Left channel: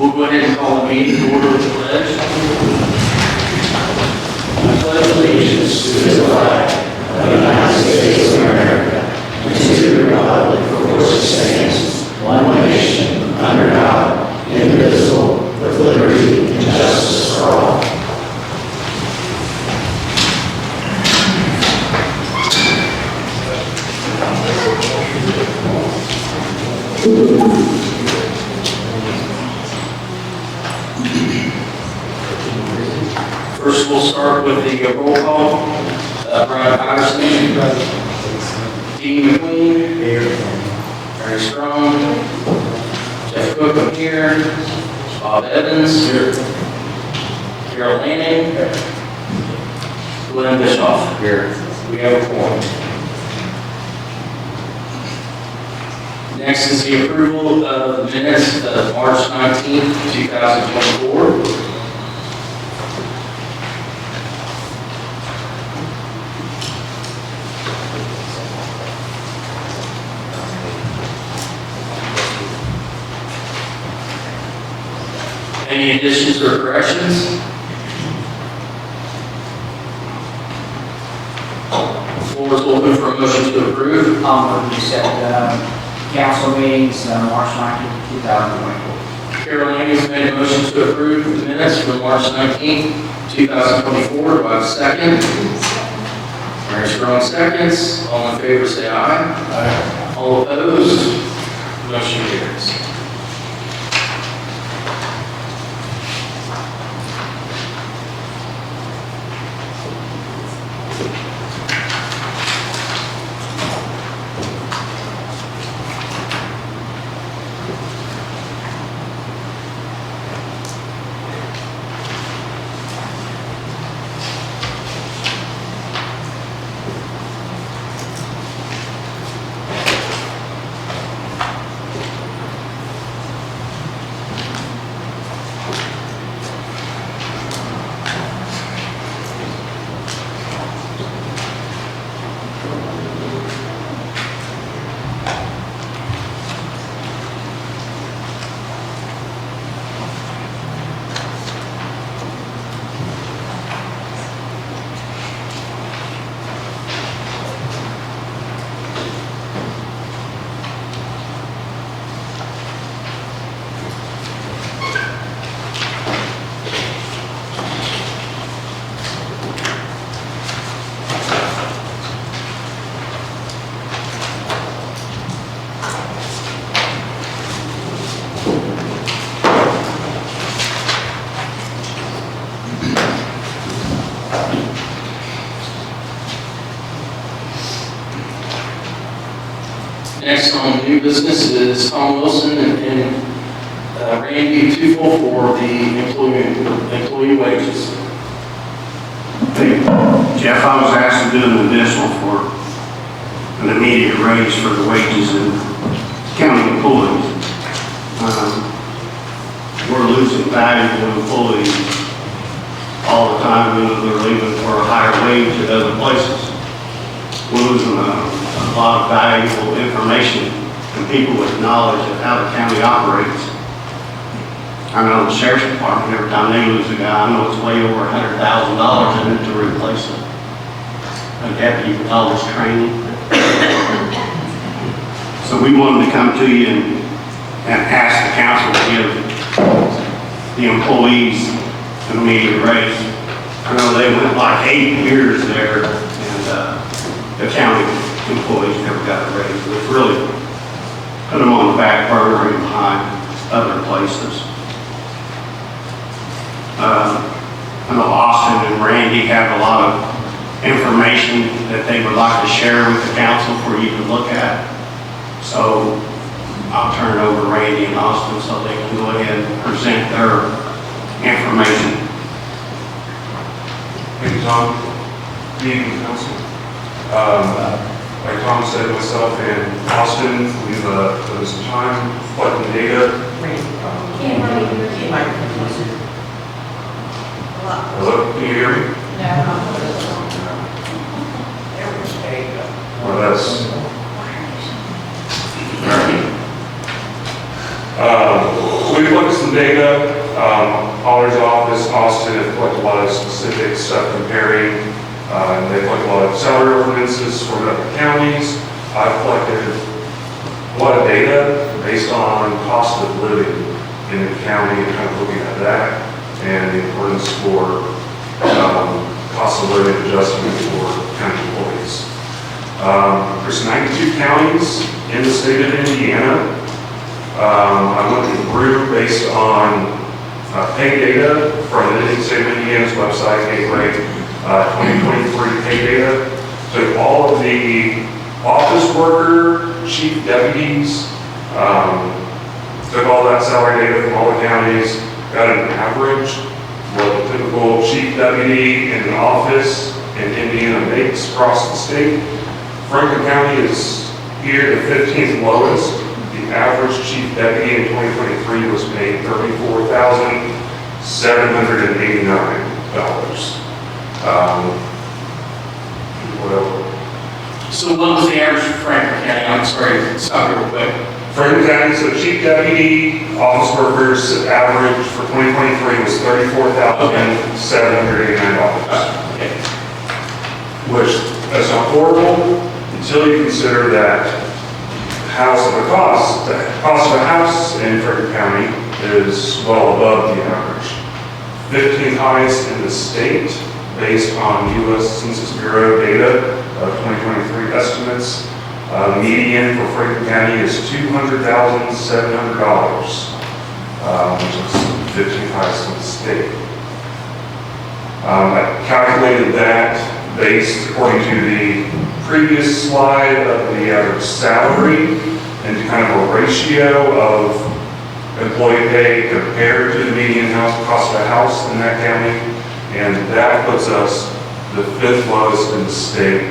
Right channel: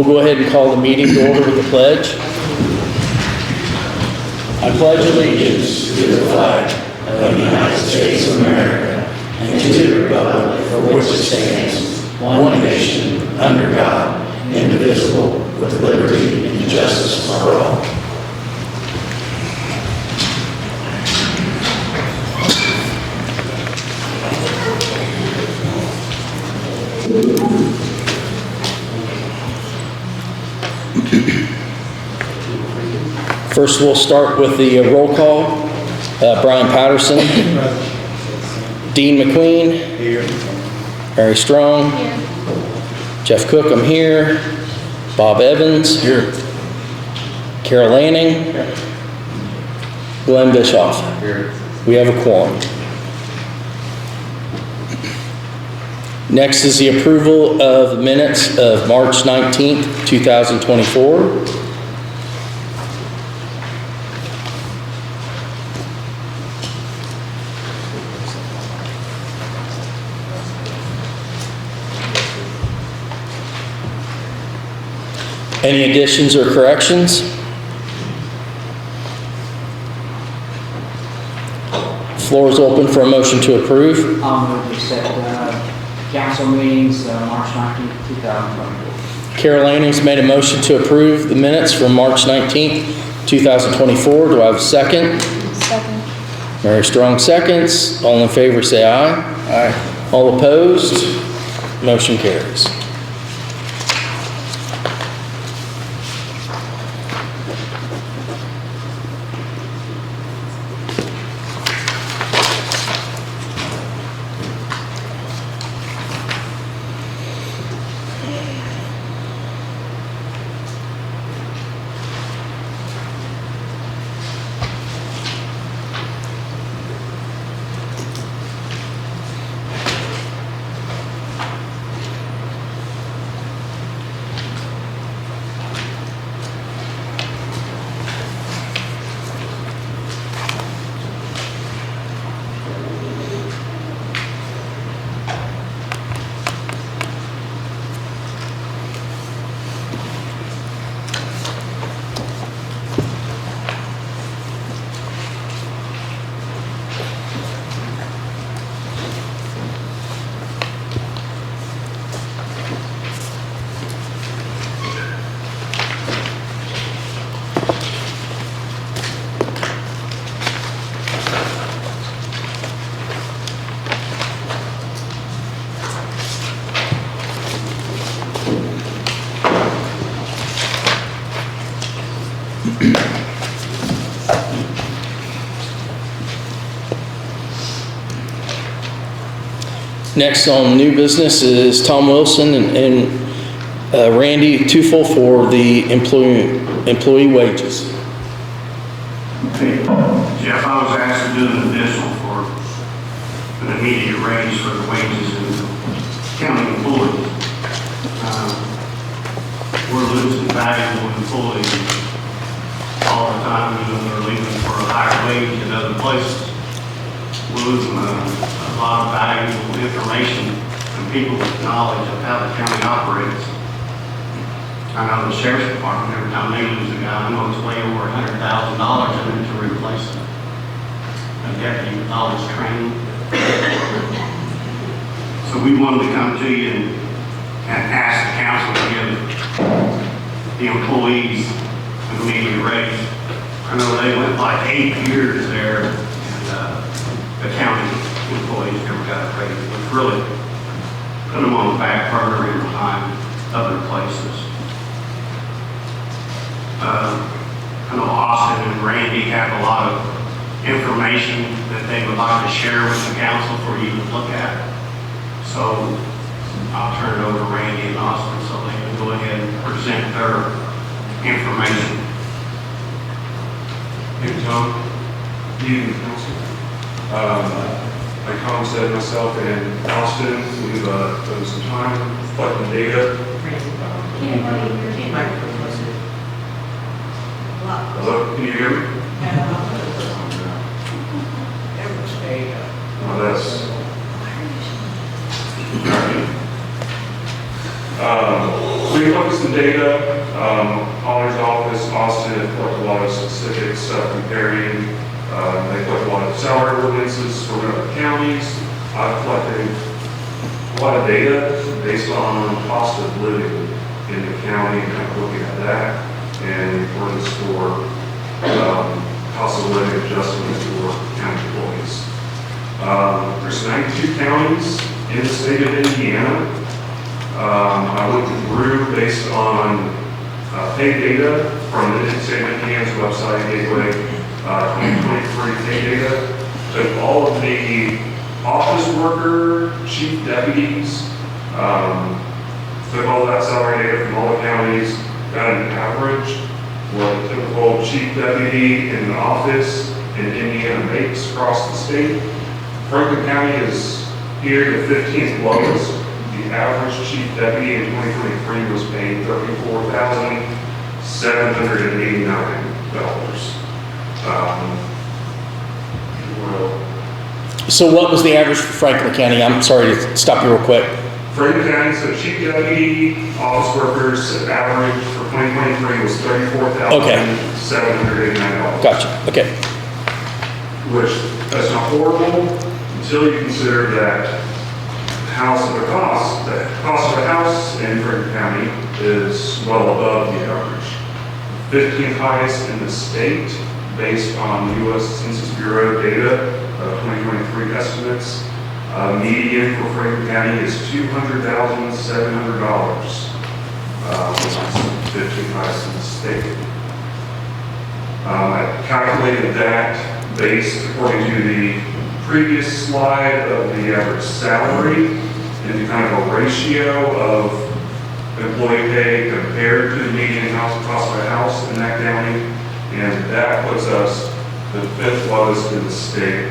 We'll go ahead and call the meeting to order with the pledge. I pledge allegiance to the flag of the United States of America and to the republic for which it stands, one nation, under God, indivisible, with liberty and justice for all. First, we'll start with the roll call. Brian Patterson. Dean McQueen. Here. Mary Strong. Jeff Cook, I'm here. Bob Evans. Here. Carol Lanning. Here. Glenn Bischoff. Here. We have a quorum. Next is the approval of the minutes of March 19th, 2024. Any additions or corrections? Floor is open for a motion to approve. We set council meetings March 19th, 2024. Carol Lanning's made a motion to approve the minutes from March 19th, 2024. Do I have a second? Second. Mary Strong seconds. All in favor say aye. Aye. All opposed? Motion carries. Next on new business is Tom Wilson and Randy Teufel for the employee wages. Hey, Jeff, I was asked to do an additional for an immediate raise for the wages in county employees. We're losing valuable employees all the time. They're leaving for a higher wage at other places. We're losing a lot of valuable information and people with knowledge of how the county operates. I know the sheriff's department, every time they lose a guy, I know it's way over $100,000 in it to replace him. A deputy with all this training. So we wanted to come to you and ask the council to give the employees an immediate raise. I know they went like 8 years there, and the county employees never got a raise. It's really put them on the back burner and behind other places. I know Austin and Randy have a lot of information that they would like to share with the council for you to look at. So I'll turn it over to Randy and Austin so they can go ahead and present their information. Thank you, Tom. Good evening, council. Like Tom said, myself and Austin, we've done some time collecting data. Hello, can you hear me? Well, that's we looked some data. Holler's office, Austin, have collected a lot of specific stuff comparing. They collect a lot of salary ordinances for the counties. I've collected a lot of data based on cost of living in the county, kind of looking at that, and the importance for cost of living adjustment for county employees. There's 92 counties in the state of Indiana. I went through based on pay data from the state of Indiana's website, Gateway 2023 pay data. Took all of the office worker, chief deputies, took all that salary data from all the counties, got an average, what the typical chief deputy in the office in Indiana makes across the state. Franklin County is here the 15th lowest. The average chief deputy in 2023 was paid $34,789. So what was the average for Franklin County? I'm sorry to stop you real quick. Franklin County, so chief deputy, office workers, average for 2023 was $34,789. Gotcha, okay. Which, that's not horrible, until you consider that the cost of a house in Franklin County is well above the average. 15th highest in the state, based on U.S. Census Bureau data, 2023 estimates. Median for Franklin County is $200,700, which is 15th highest in the state. I calculated that based, according to the previous slide, of the average salary and kind of a ratio of employee pay compared to the median cost of a house in that county, and that puts us the 5th lowest in the state.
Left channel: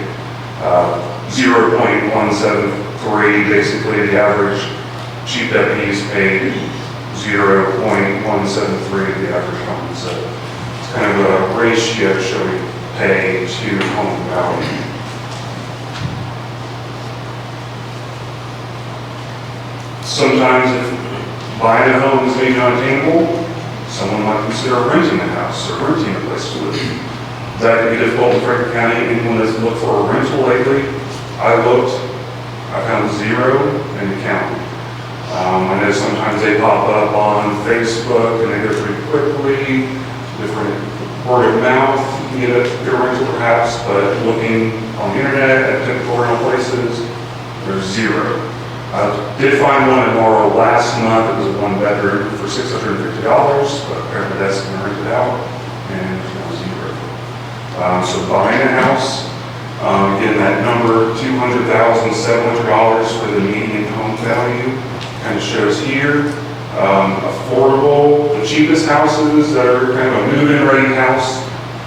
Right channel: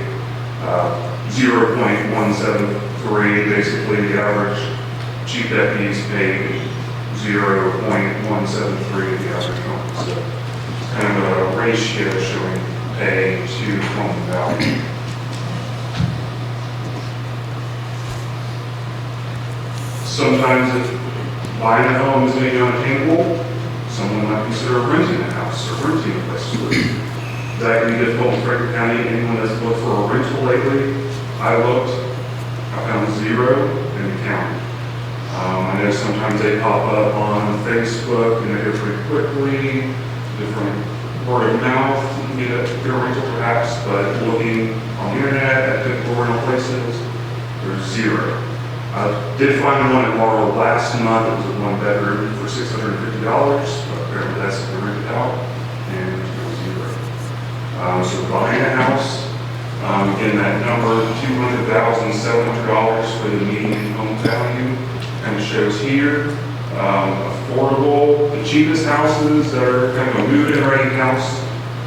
0.173, basically the average chief deputies paid 0.173 of the average home. So it's kind of a ratio showing pay to home value. Sometimes if buying a home is maybe unattainable, someone might consider renting a house or renting a place to live. That can be difficult in Franklin County. Anyone that's looked for a rental lately, I looked, I found 0 in the county. I know sometimes they pop up on Facebook and they go pretty quickly, different word of mouth, you can get a rental perhaps, but looking on the internet at typical rental places, there's 0. I did find one in Laurel last month. It was a 1-bedroom for $650, but apparently that's been rented out, and there's no 0. So buying a house, again, that number, $200,700 for the median home value, kind of shows here. Affordable, the cheapest houses that are kind of a move-in ready house,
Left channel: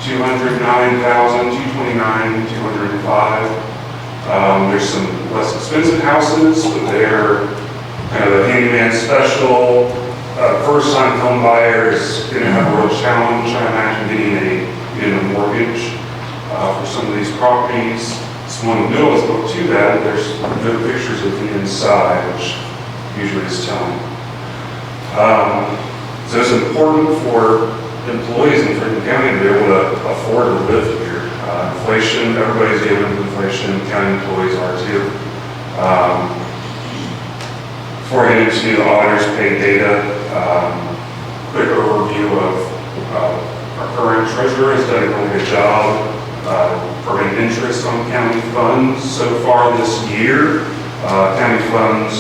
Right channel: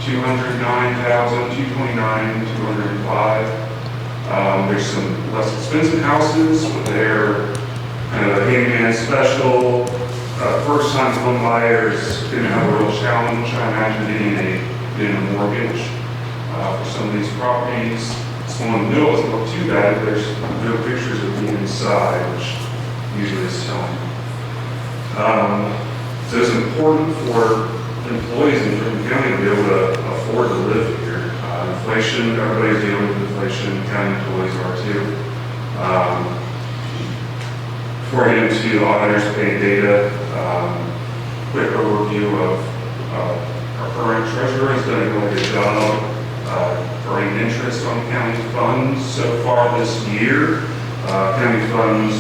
$209,000, $229,000, $205,000. There's some less expensive houses, but they're kind of a handyman special. First-time home buyers going to have a real challenge, I imagine, getting a mortgage for some of these properties. This one in the middle isn't look too bad. There's no pictures of the inside, which usually is telling. So it's important for employees in Franklin County to be able to afford to live here. Inflation, everybody's dealing with inflation, county employees are too. Before I get into the auditor's pay data, quick overview of our current treasurer has done a really good job earning interest on county funds so far this year. County funds,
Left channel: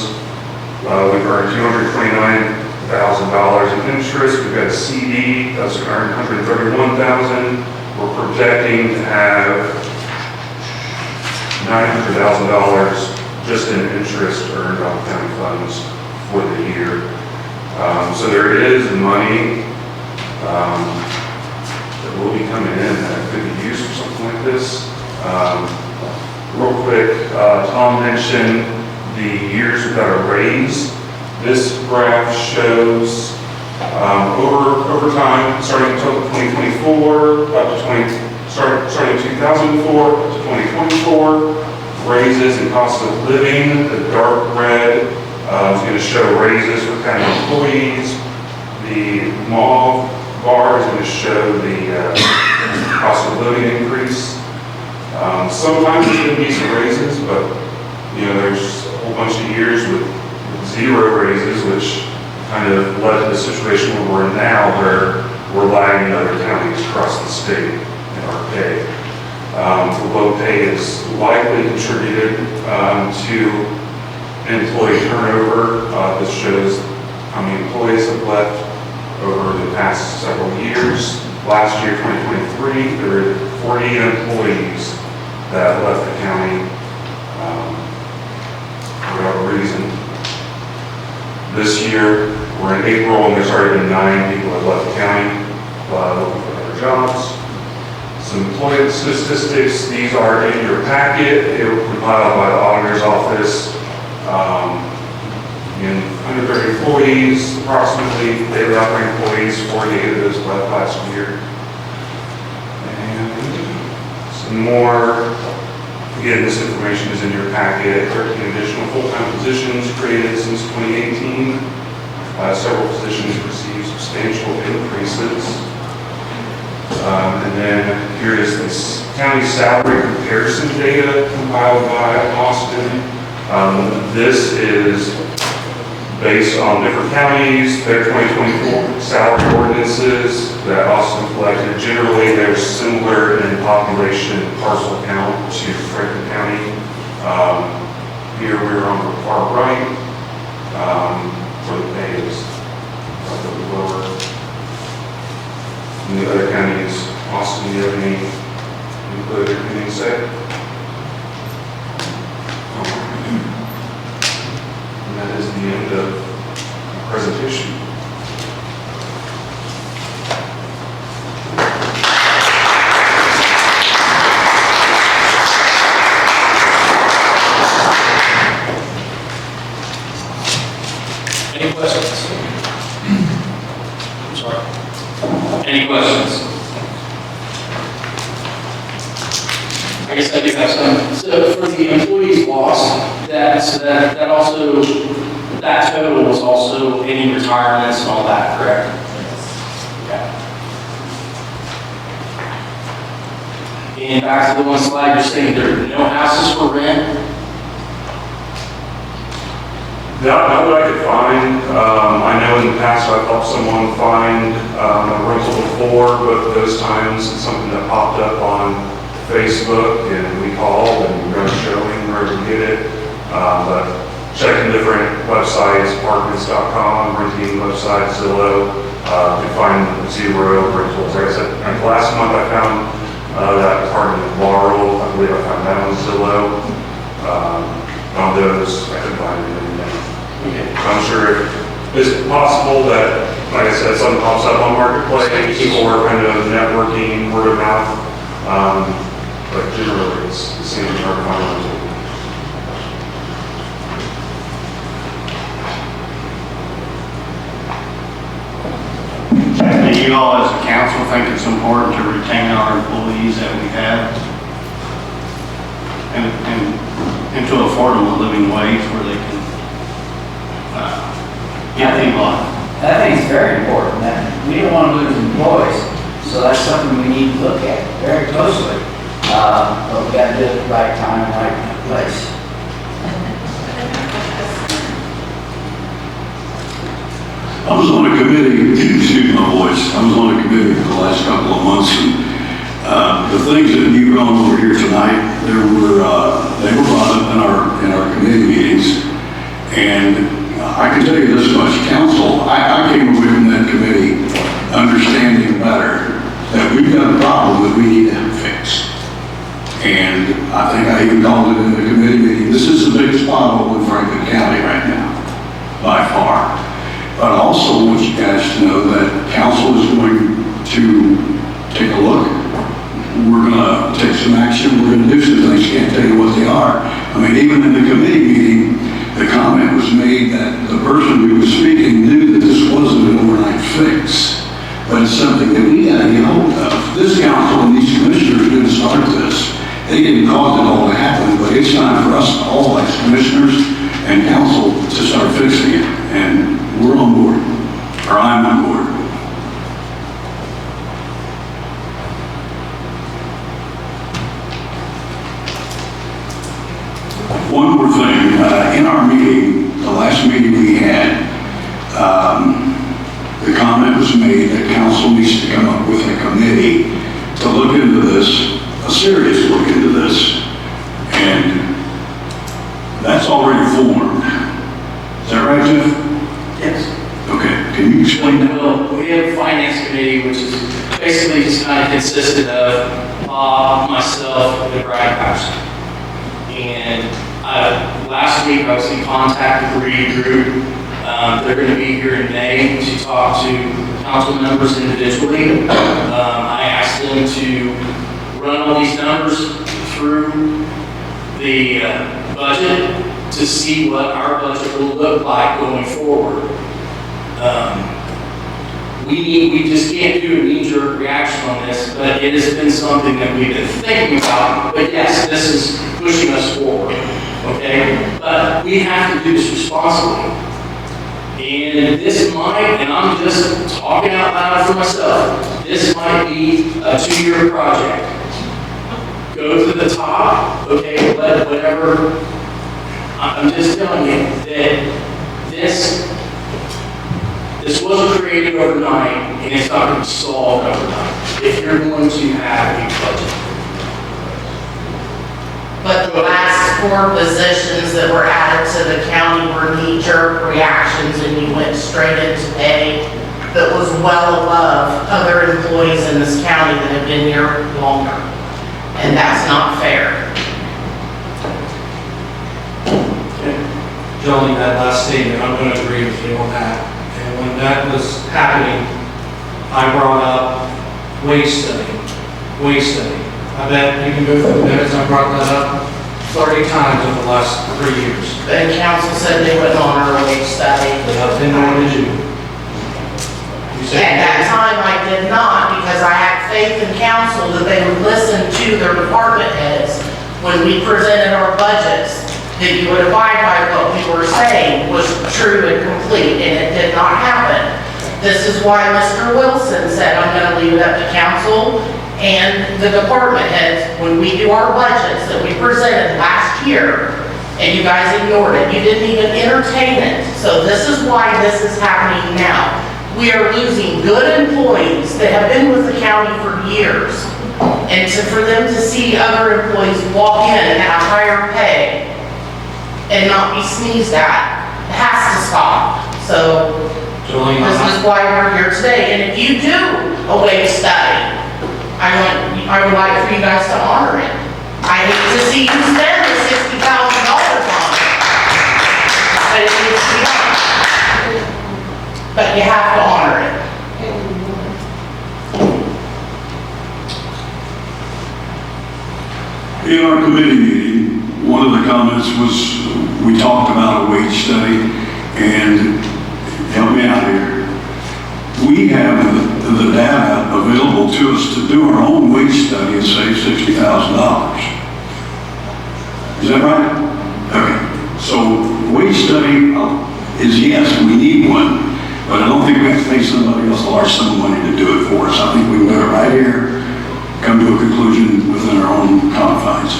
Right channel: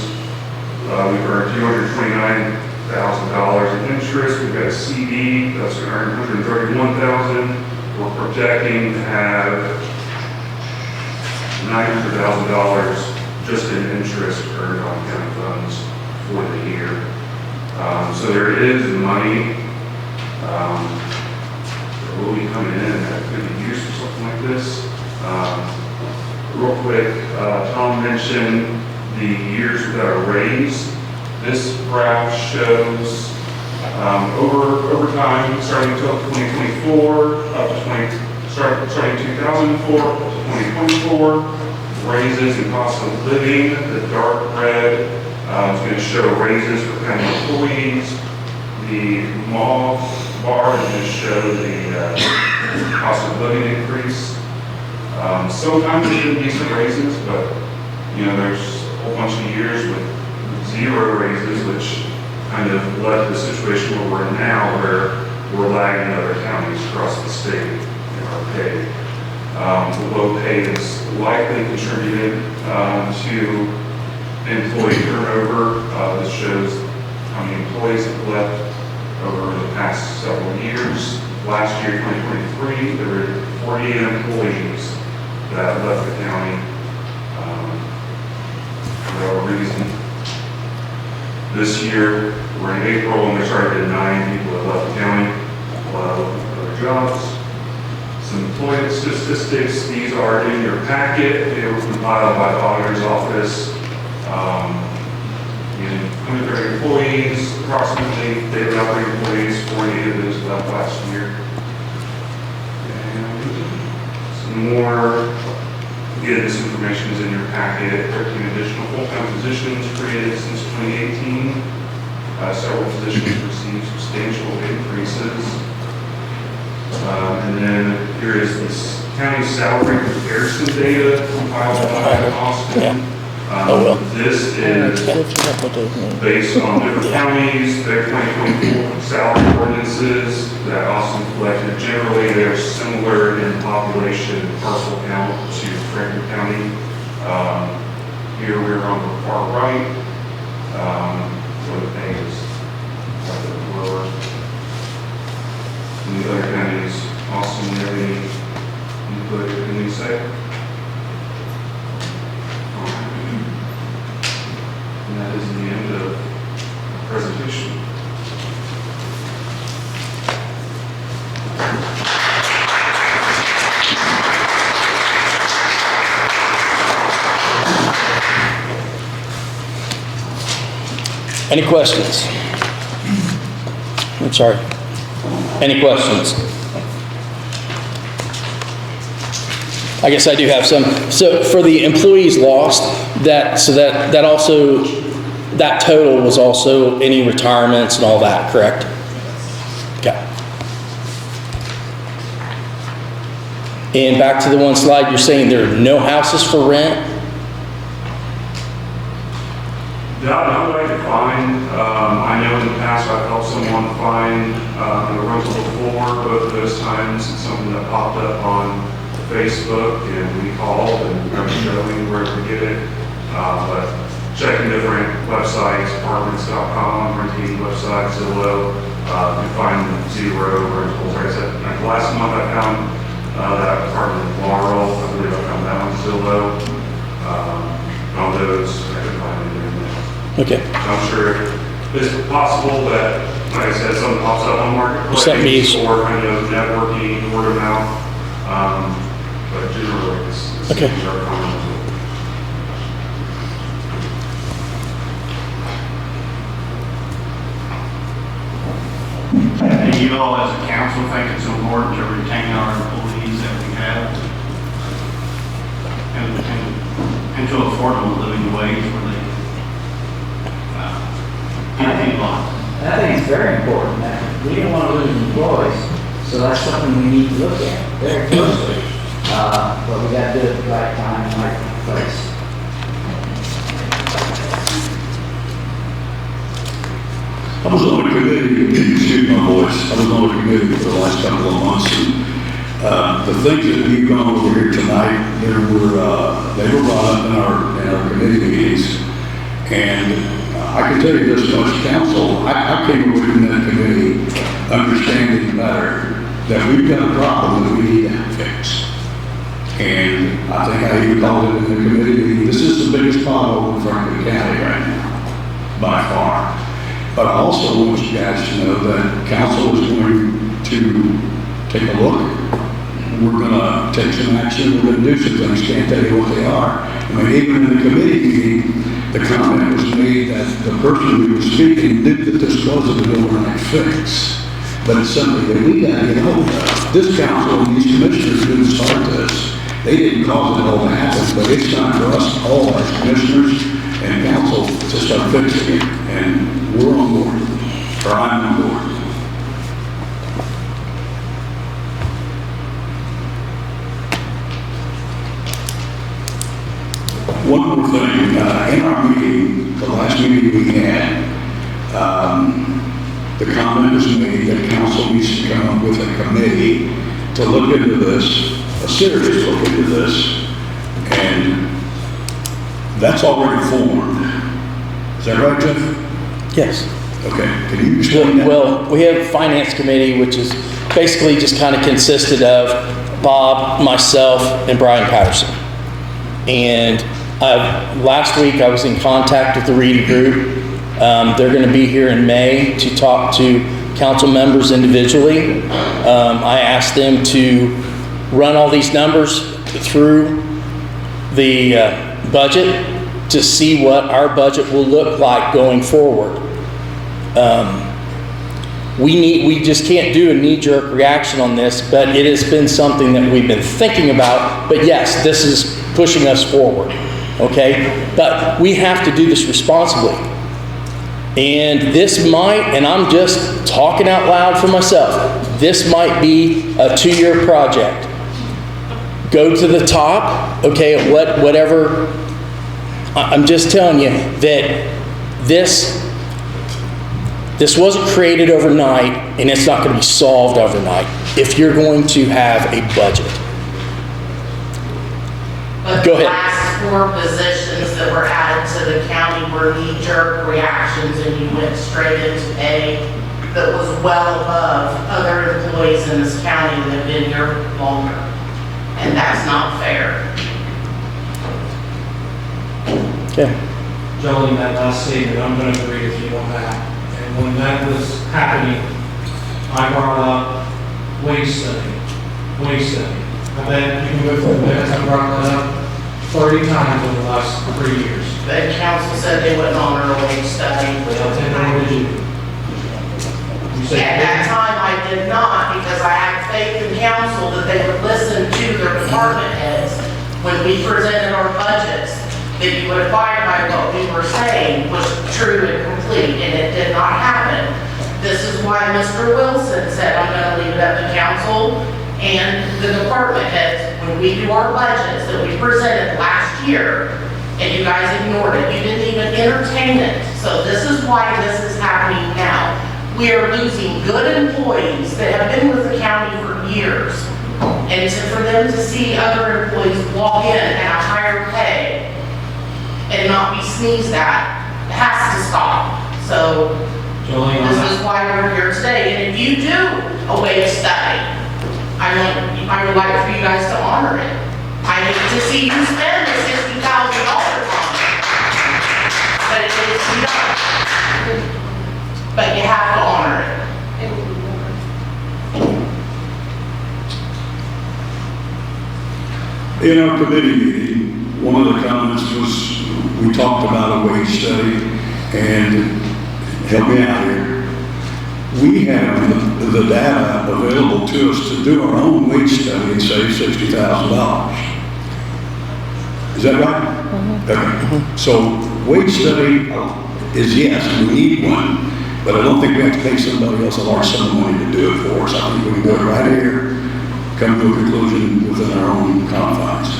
we've earned $229,000 in interest. We've got a CD that's earned $131,000. We're projecting to have $900,000 just in interest earned on county funds for the year. So there is money that will be coming in that could be used for something like this. Real quick, Tom mentioned the years without a raise. This graph shows over time, starting until 2024, starting 2004 to 2024, raises in cost of living. The dark red is going to show raises for county employees. just show the cost of living increase. Sometimes there can be some raises, but, you know, there's a whole bunch of years with 0 raises, which kind of led to the situation where we're in now, where we're lagging other counties across the state in our pay. The low pay is likely contributed to employee turnover. This shows how many employees have left over the past several years. Last year, 2023, there were 40 employees that left the county for whatever reason. This year, we're in April, and there's already been 9 people that left the county, a lot of looking for other jobs. Some employment statistics, these are in your packet. They were compiled by the auditor's office. In 130 employees, approximately, daily operating employees, 48 of those left last year. And some more, again, this information is in your packet. 13 additional full-time positions created since 2018. Several positions received substantial increases. And then here is this county salary comparison data compiled by Austin. This is based on different counties, their 2024 salary ordinances that Austin collected. Generally, they're similar in population parcel count to Franklin County. Here we're on the far right for the pays, a little lower. In the other counties, Austin, do you have any input or anything to say? And that is the end of the presentation. Any questions? I'm sorry. Any questions? I guess I do have some. So for the employees lost, that also, that total was also any retirements and all that, correct? Okay. And back to the one slide, you're saying there are no houses for rent? Not that I could find. I know in the past I've helped someone find a rental before, but those times it's something that popped up on Facebook and we called and we were showing where to get it. But checking different websites, apartments.com, renting websites, Zillow, to find 0 rentals. Like I said, last month I found that apartment in Laurel. I believe I found that on Zillow. On those, I couldn't find anything. Okay. I'm sure it's possible that, like I said, something pops up on Marketplace or kind of networking, word of mouth. But generally, it's okay. hard to find. And you all as a council think it's important to retain our employees that we have and to afford them a living wage where they can get things like. I think it's very important. We don't want to lose employees, so that's something we need to look at very closely. But we got to do it at the right time, right place. I was on a committee, excuse my voice, I was on a committee for the last couple of months, and the things that you've gone over here tonight, they were brought up in our committee meetings, and I can tell you this much, council, I came away from that committee understanding better that we've got a problem that we need to have fixed. And I think I even called it in the committee meeting, this is the biggest pothole in Franklin County right now, by far. But I also want you guys to know that council is going to take a look. We're going to take some action. We're going to do some things. Can't tell you what they are. I mean, even in the committee meeting, the comment was made that the person who was speaking knew that this wasn't an overnight fix, but it's something that we got to get hold of. This council and these commissioners didn't start this. They didn't cause it all to happen, but it's time for us all as commissioners and council to start fixing it. And we're on board, or I'm on board. the comment was made that council needs to come up with a committee to look into this, a serious look into this, and that's already formed. Is that right, Jeff? Yes. Okay, can you explain that? Well, we have a finance committee, which is basically just kind of consisted of Bob, myself, and Brian Patterson. And last week I was in contact with the Reedy group. They're going to be here in May to talk to council members individually. I asked them to run all these numbers through the budget to see what our budget will look like going forward. We just can't do a knee-jerk reaction on this, but it has been something that we've been thinking about. But yes, this is pushing us forward, okay? But we have to do this responsibly. And this might, and I'm just talking out loud for myself, this might be a 2-year project. Go to the top, okay, whatever. I'm just telling you that this wasn't created overnight, and it's not going to be solved overnight if you're going to have a budget. But Go the ahead. last 4 positions that were added to the county were knee-jerk reactions, and you went straight into pay that was well above other employees in this county that have been here longer. And that's not fair. Okay. Jolene, that last statement, I'm going to agree with you on that. And when that was happening, I brought up wage study. I bet you can go through the minutes, I brought that up 30 times in the last 3 years. The council said they wouldn't honor a wage study. Then what did you? You said At that time, I did not, because I had faith in council that they would listen to their department heads when we presented our budgets, that you would abide by what we were saying was true and complete, and it did not happen. This is why Mr. Wilson said, I'm gonna leave it up to council and the department heads when we do our budgets that we presented last year, and you guys ignored it. You didn't even entertain it. So this is why this is happening now. We are losing good employees that have been with the county for years. And for them to see other employees walk in at a higher pay and not be sneezed at, has to stop. So Jolene, this is why we're here today. And if you do a wage study, I would like for you guys to honor it. I hate to see you spend the $60,000 on it. But it needs to be done. But you have to honor it. In our committee meeting, one of the comments was, we talked about a wage study, and help me out here. We have the data available to us to do our own wage study and save $60,000. Is that right? Okay. So wage study is, yes, we need one, but I don't think we have to pay somebody else or some money to do it for us. I think we better right here come to a conclusion within our own confines.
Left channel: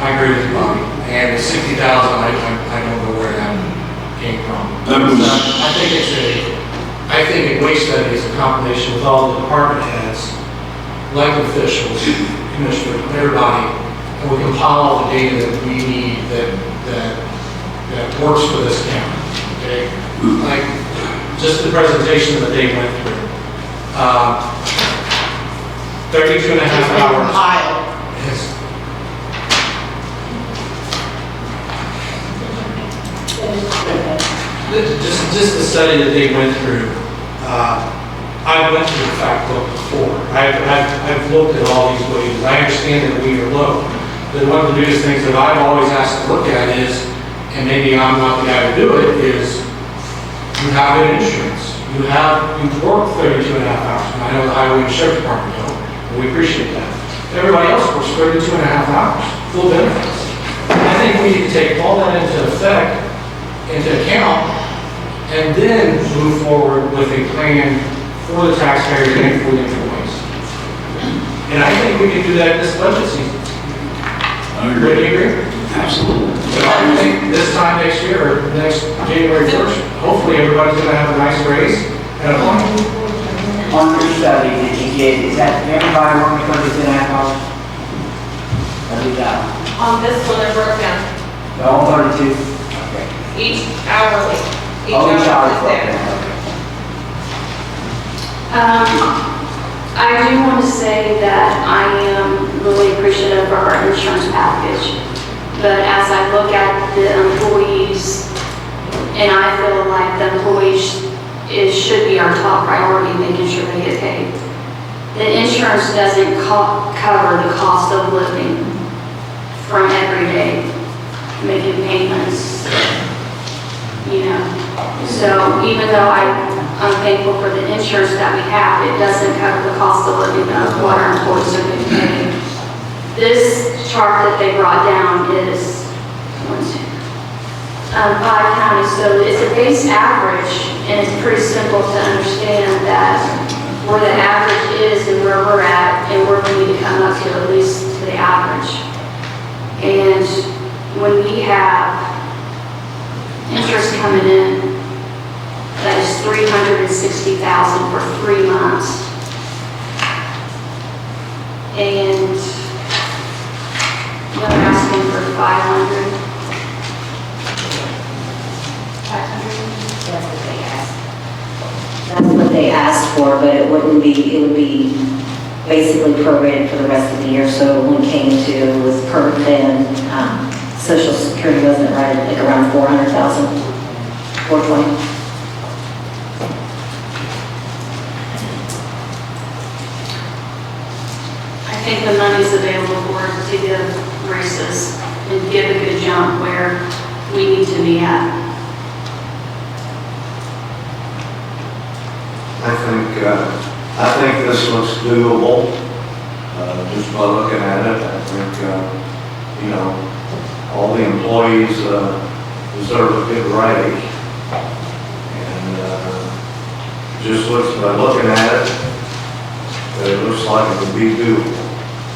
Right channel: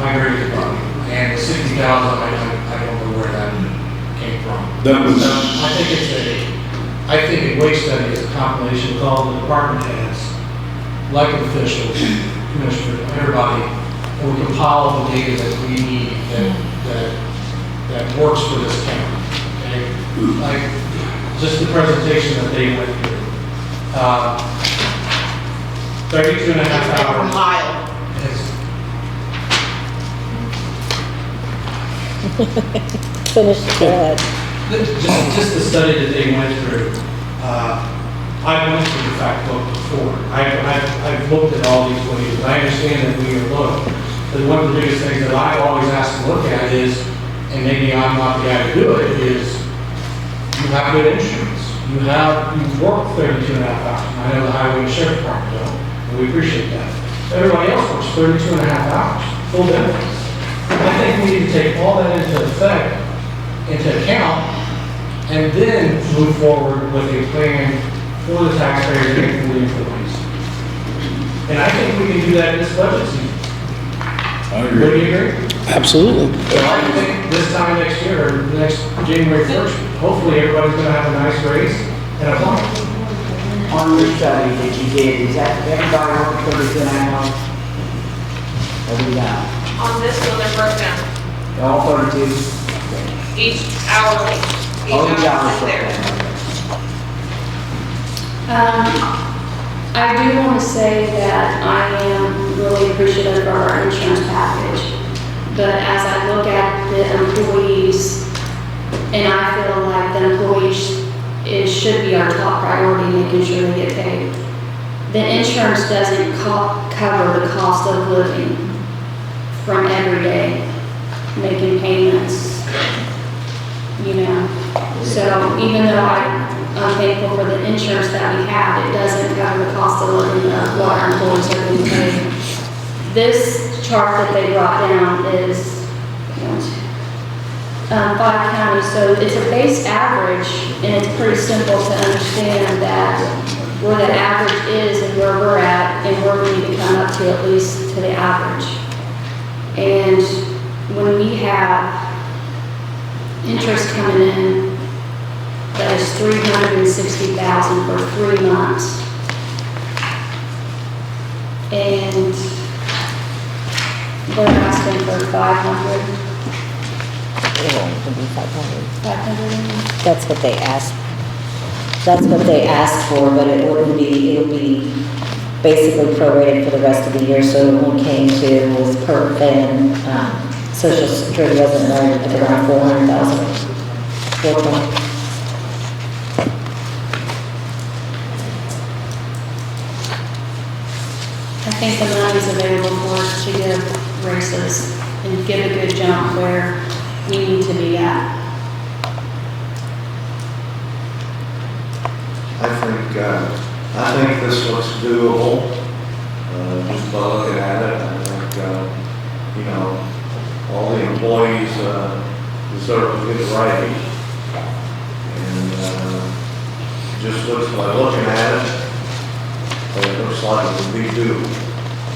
I agree with you, Bobby. And the 60,000, I don't know where that came from. That was- I think a wage study is a compilation with all the department heads, elected officials, commissioner, everybody, and we compile all the data that we need that works for this county. Okay? Like, just the presentation that they went through. 32 and a half It's been hours. compiled. Yes. Finish, go ahead. Just the study that they went through. I went through the fact book before. I've looked at all these wages. I understand that we are low. But one of the biggest things that I've always asked to look at is, and maybe I'm not the guy to do it, is you have good insurance. You've worked 32 and a half hours. I know the highway and sheriff department don't, and we appreciate that. Everybody else works 32 and a half hours, full benefits. I think we need to take all that into account, and then move forward with a plan for the taxpayers and for the employees. And I think we can do that this budget season. I Would agree. you agree? Absolutely. But I think this time next year, or next January 1st, hopefully everybody's gonna have a nice raise and a bump. On your study that you did, is that everybody working 30% hours? On this one, I broke down All 32? each hourly, each All each hour hour is broken there. down. I do want to say that I am really appreciative of our insurance package. But as I look at the employees, and I feel like the employees, it should be our top priority, making sure they get paid. The insurance doesn't cover the cost of living from every day, making payments, you know. So even though I'm thankful for the insurance that we have, it doesn't cover the cost of living of what our employees are getting paid. This chart that they brought down is 5 counties, so it's a base average, and it's pretty simple to understand that where the average is and where we're at, and we're going to come up to at least to the average. And when we have interest coming in, that is $360,000 for 3 months. And they're asking for 500. That's what they asked. That's what they asked for, but it would be basically prorated for the rest of the year. So when we came to with PERF and Social Security wasn't right at around 400,000, 420. I think the money's available for us to give races and give a good jump where we need to be at. I think this looks doable, just by looking at it. I think, you know, all the employees deserve a good raise. And just looks, by looking at it, it looks like it would be doable.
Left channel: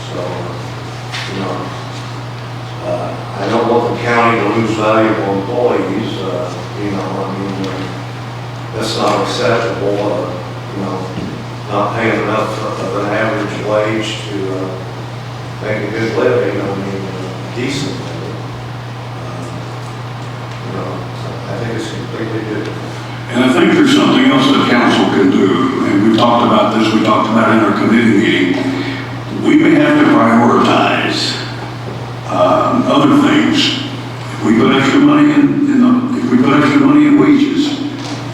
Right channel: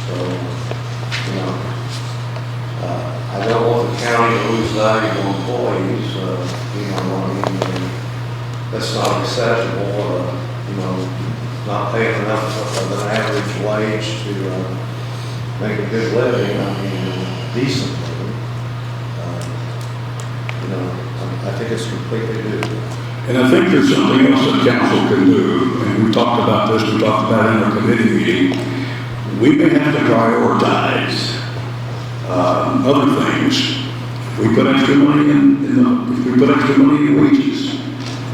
So, you know, I don't want the county to lose valuable employees, you know, I mean, that's not acceptable, you know, not paying enough of an average wage to make a good living, I mean, decently. You know, I think it's completely doable. And I think there's something else that council can do, and we talked about this, we talked about it in our committee meeting. We may have to prioritize other things. If we put extra money if we put extra money in wages,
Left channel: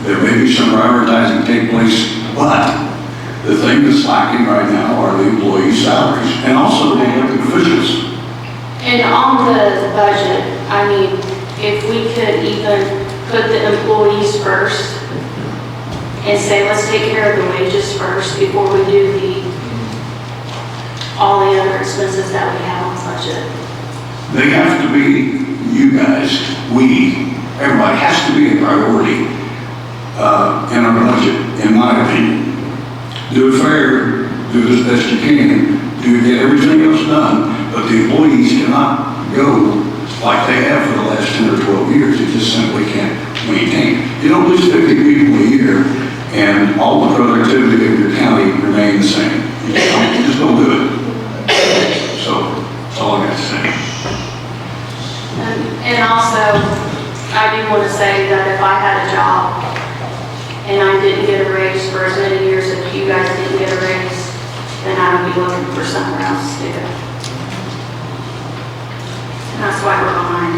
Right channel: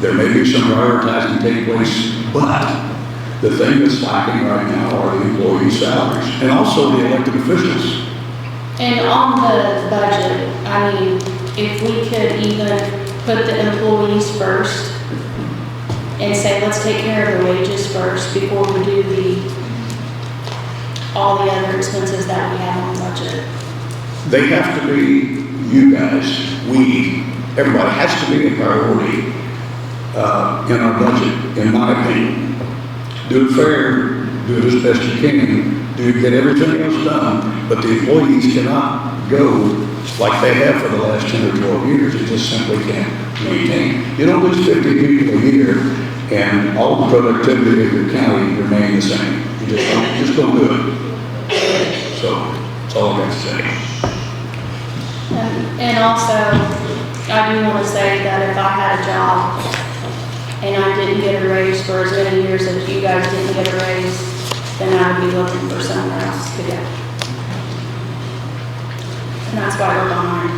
there may be some prioritizing take place, but the thing that's stocking right now are the employee salaries and also the elected officials. And on the budget, I mean, if we could even put the employees first and say, let's take care of the wages first before we do all the other expenses that we have on the budget. They have to be, you guys, everybody has to be a priority in our budget, in my opinion. Do it fair, do as best you can, get everything else done, but the employees cannot go like they have for the last 10 or 12 years. It just simply can't maintain. You don't lose 50 people a year and all the productivity of your county remain the same. You just don't do it. So that's all I got to say. And also, I do want to say that if I had a job and I didn't get a raise for as many years as you guys didn't get a raise, then I would be looking for somewhere else to do. And that's why we're behind.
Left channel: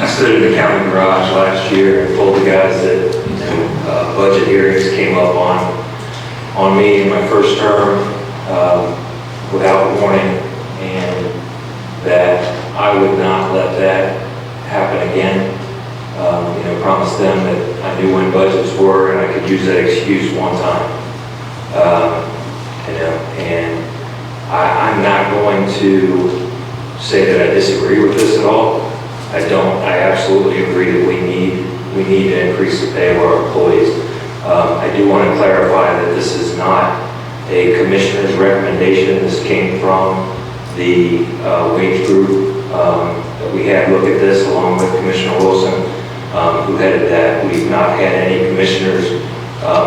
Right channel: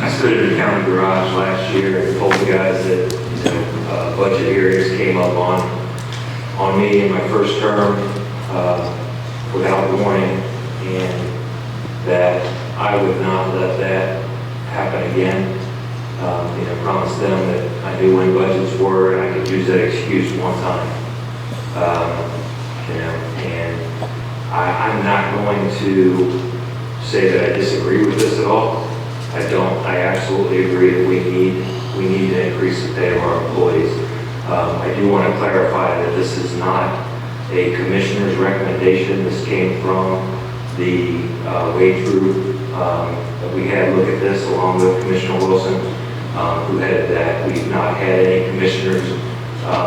I stood at the county garage last year and told the guys that budget hearings came up on me in my first term without warning, and that I would not let that happen again. Promised them that I knew when budgets were and I could use that excuse one time. And I'm not going to say that I disagree with this at all. I don't. I absolutely agree that we need to increase the pay of our employees. I do want to clarify that this is not a commissioner's recommendation. This came from the wage group that we had look at this along with Commissioner Wilson, who headed that. We've not had any commissioners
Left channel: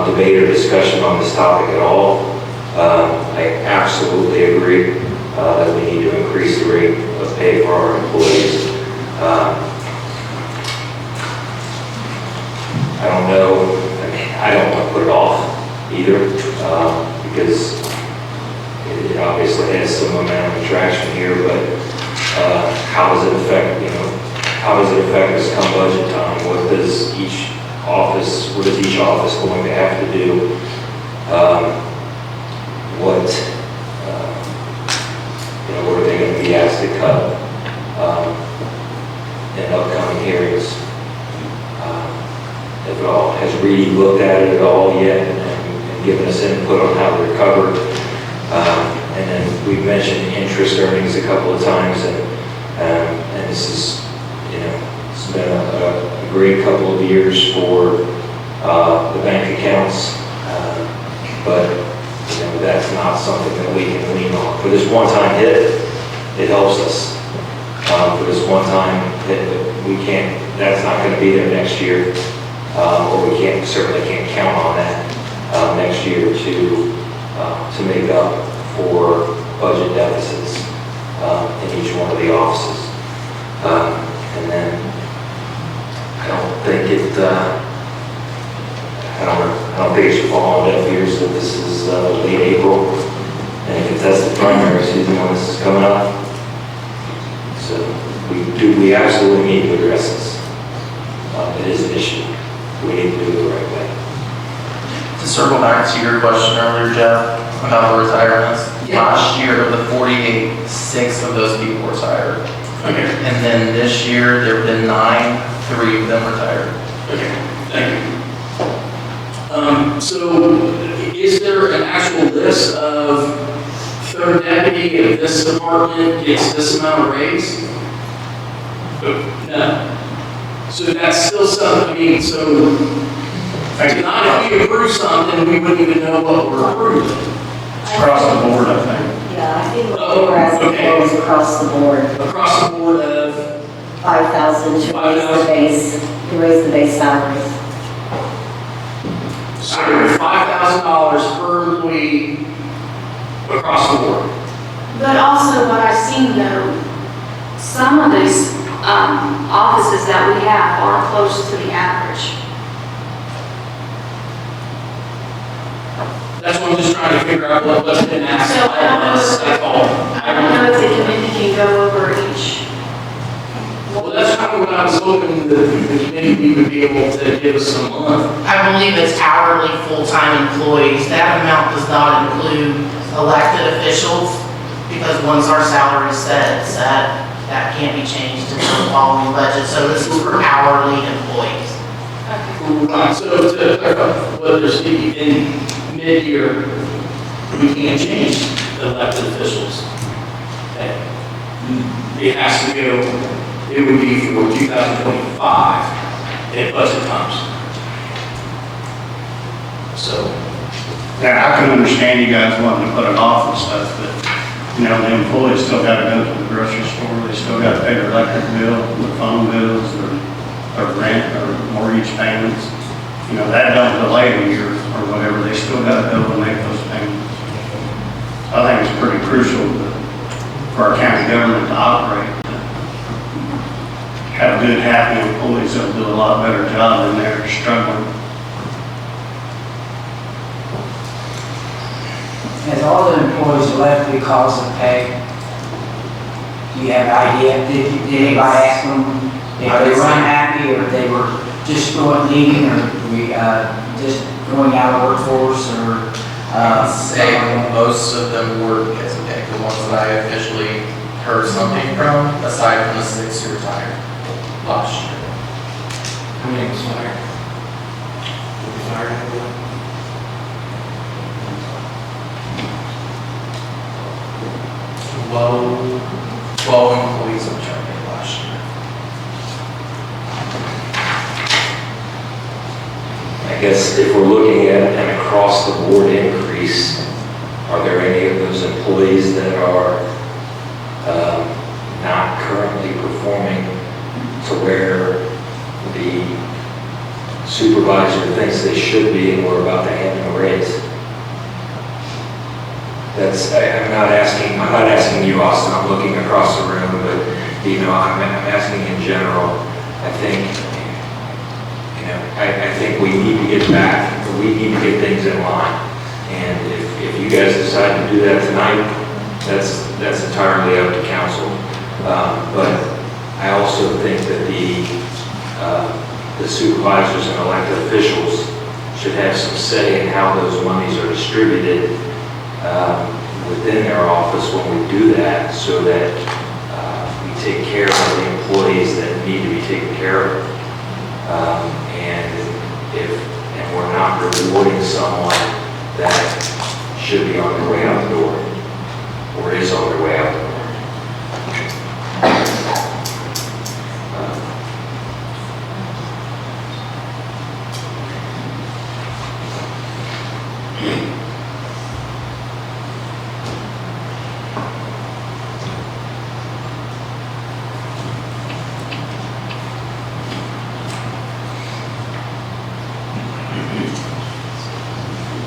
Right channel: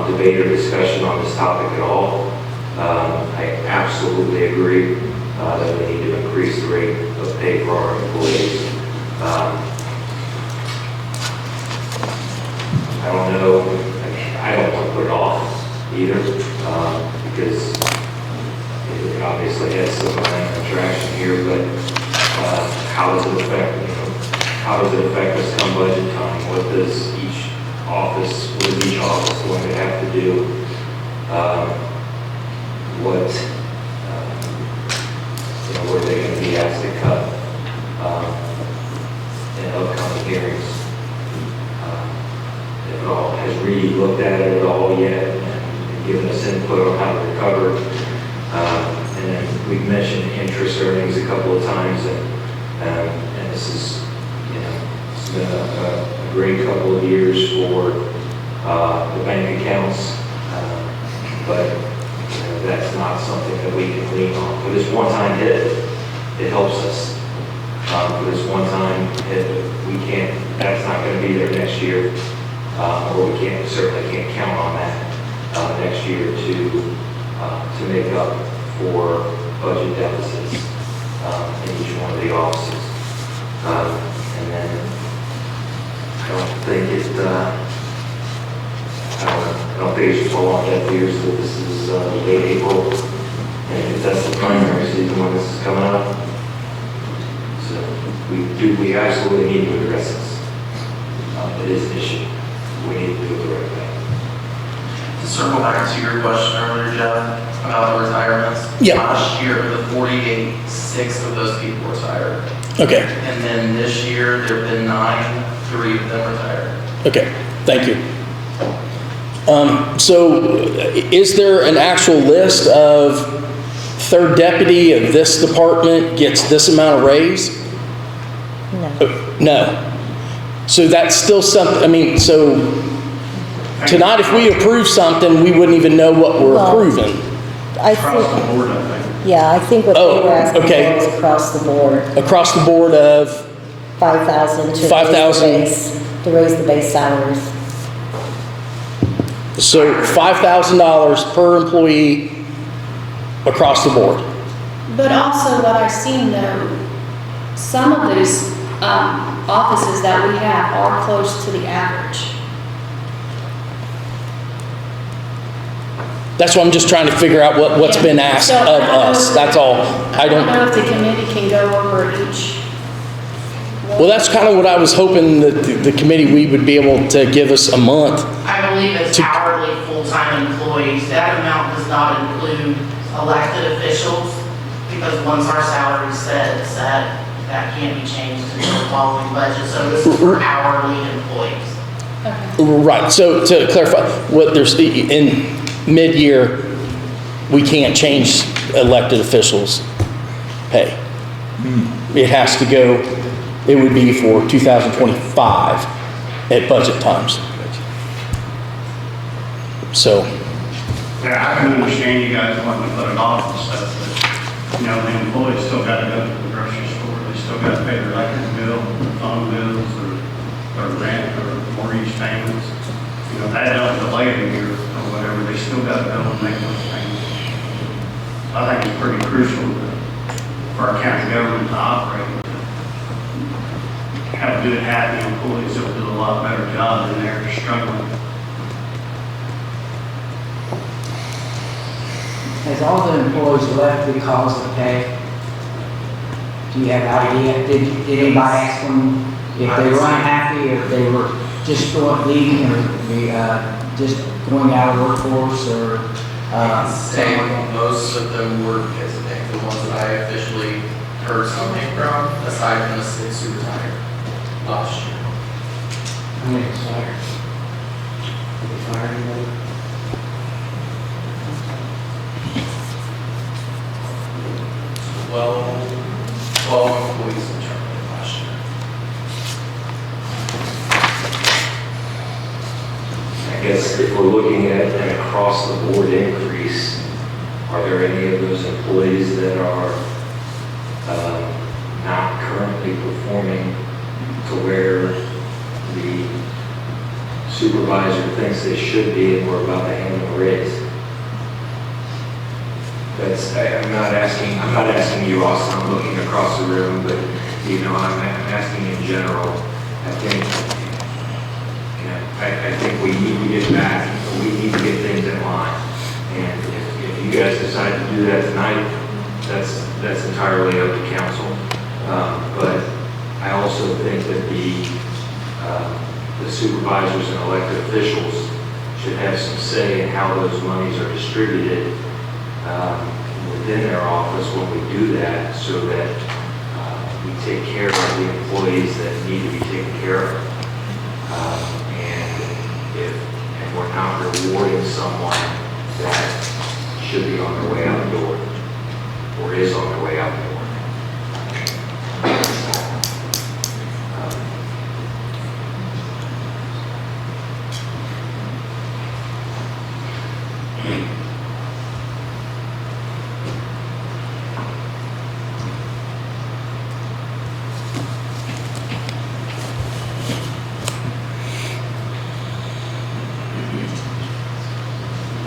debate or discussion on this topic at all. I absolutely agree that we need to increase the rate of pay for our employees. I don't know, I mean, I don't want to put it off either, because it obviously has some amount of traction here, but how does it affect, how does it affect us come budget time? What is each office going to have to do? What are they going to be asked to cut in upcoming hearings? If at all, has Reedy looked at it at all yet and given us input on how to recover? And then we've mentioned interest earnings a couple of times, and this is, it's been a great couple of years for the bank accounts, but that's not something that we can lean on. For this one-time hit, it helps us. For this one-time hit, we can't. That's not going to be there next year, or we certainly can't count on that next year to make up for budget deficits in each one of the offices. And then I don't think it should fall on deaf ears that this is late April and a contested primary season when this is coming up. So we absolutely need to address this. It is an issue. We need to do it the right way. To circle back to your question earlier, Jeff, about the retirements. Yeah. Last year, of the 48, 6 of those people retired. Okay. And then this year, there have been 9, 3 of them retired. Okay, thank you. So is there an actual list of third deputy of this department gets this amount of raise? No. So that's still something, so tonight if we approve something, we wouldn't even know what we're approving. Across the board, I think. Yeah, I think what we were asking okay. for was across the board. Across the board of 5,000 to 5,000. to raise the base salaries. So $5,000 per employee across the board. But also what I've seen though, some of these offices that we have are close to the average. That's what I'm just trying to figure out what's been asked of us. That's all. I don't know if the committee can go over each. Well, that's kind of what I was hoping that the committee, we would be able to give us a month. I believe it's hourly full-time employees. That amount does not include elected officials, because once our salary is set, that can't be changed until the following budget. So this is for hourly employees. Right, so to clarify, what there's, in mid-year, we can't change elected officials' pay. It has to go, it would be for 2025 at budget times. So. Yeah, I can understand you guys wanting to put it off and stuff, but, the employees still got to go to the grocery store, they still got to pay their electric bill, their phone bills, their rent, or mortgage payments. That don't delay a year or whatever, they still got to go and make those payments. I think it's pretty crucial for our county government to operate. Have good, happy employees that'll do a lot better job than they're struggling. Has all the employees elected cause of pay? Do you have an idea? Did anybody ask them if they were unhappy, or if they were just leaving, or just going out of workforce, or? I can say most of them were hesitant, the ones that I officially heard something from, aside from the 6 who retired last year. How many was fired? Fired? 12 employees in Charlie last year. I guess if we're looking at an across-the-board increase, are there any of those employees that are not currently performing to where the supervisor thinks they should be and we're about to hand them a raise? I'm not asking you, Austin, I'm looking across the room, but, I'm asking in general. I think we need to get back, we need to get things in line. And if you guys decide to do that tonight, that's entirely up to council. But I also think that the supervisors and elected officials should have some say in how those monies are distributed within their office when we do that, so that we take care of the employees that need to be taken care of. And we're not rewarding someone that should be on their way out the door, or is on their way out the door.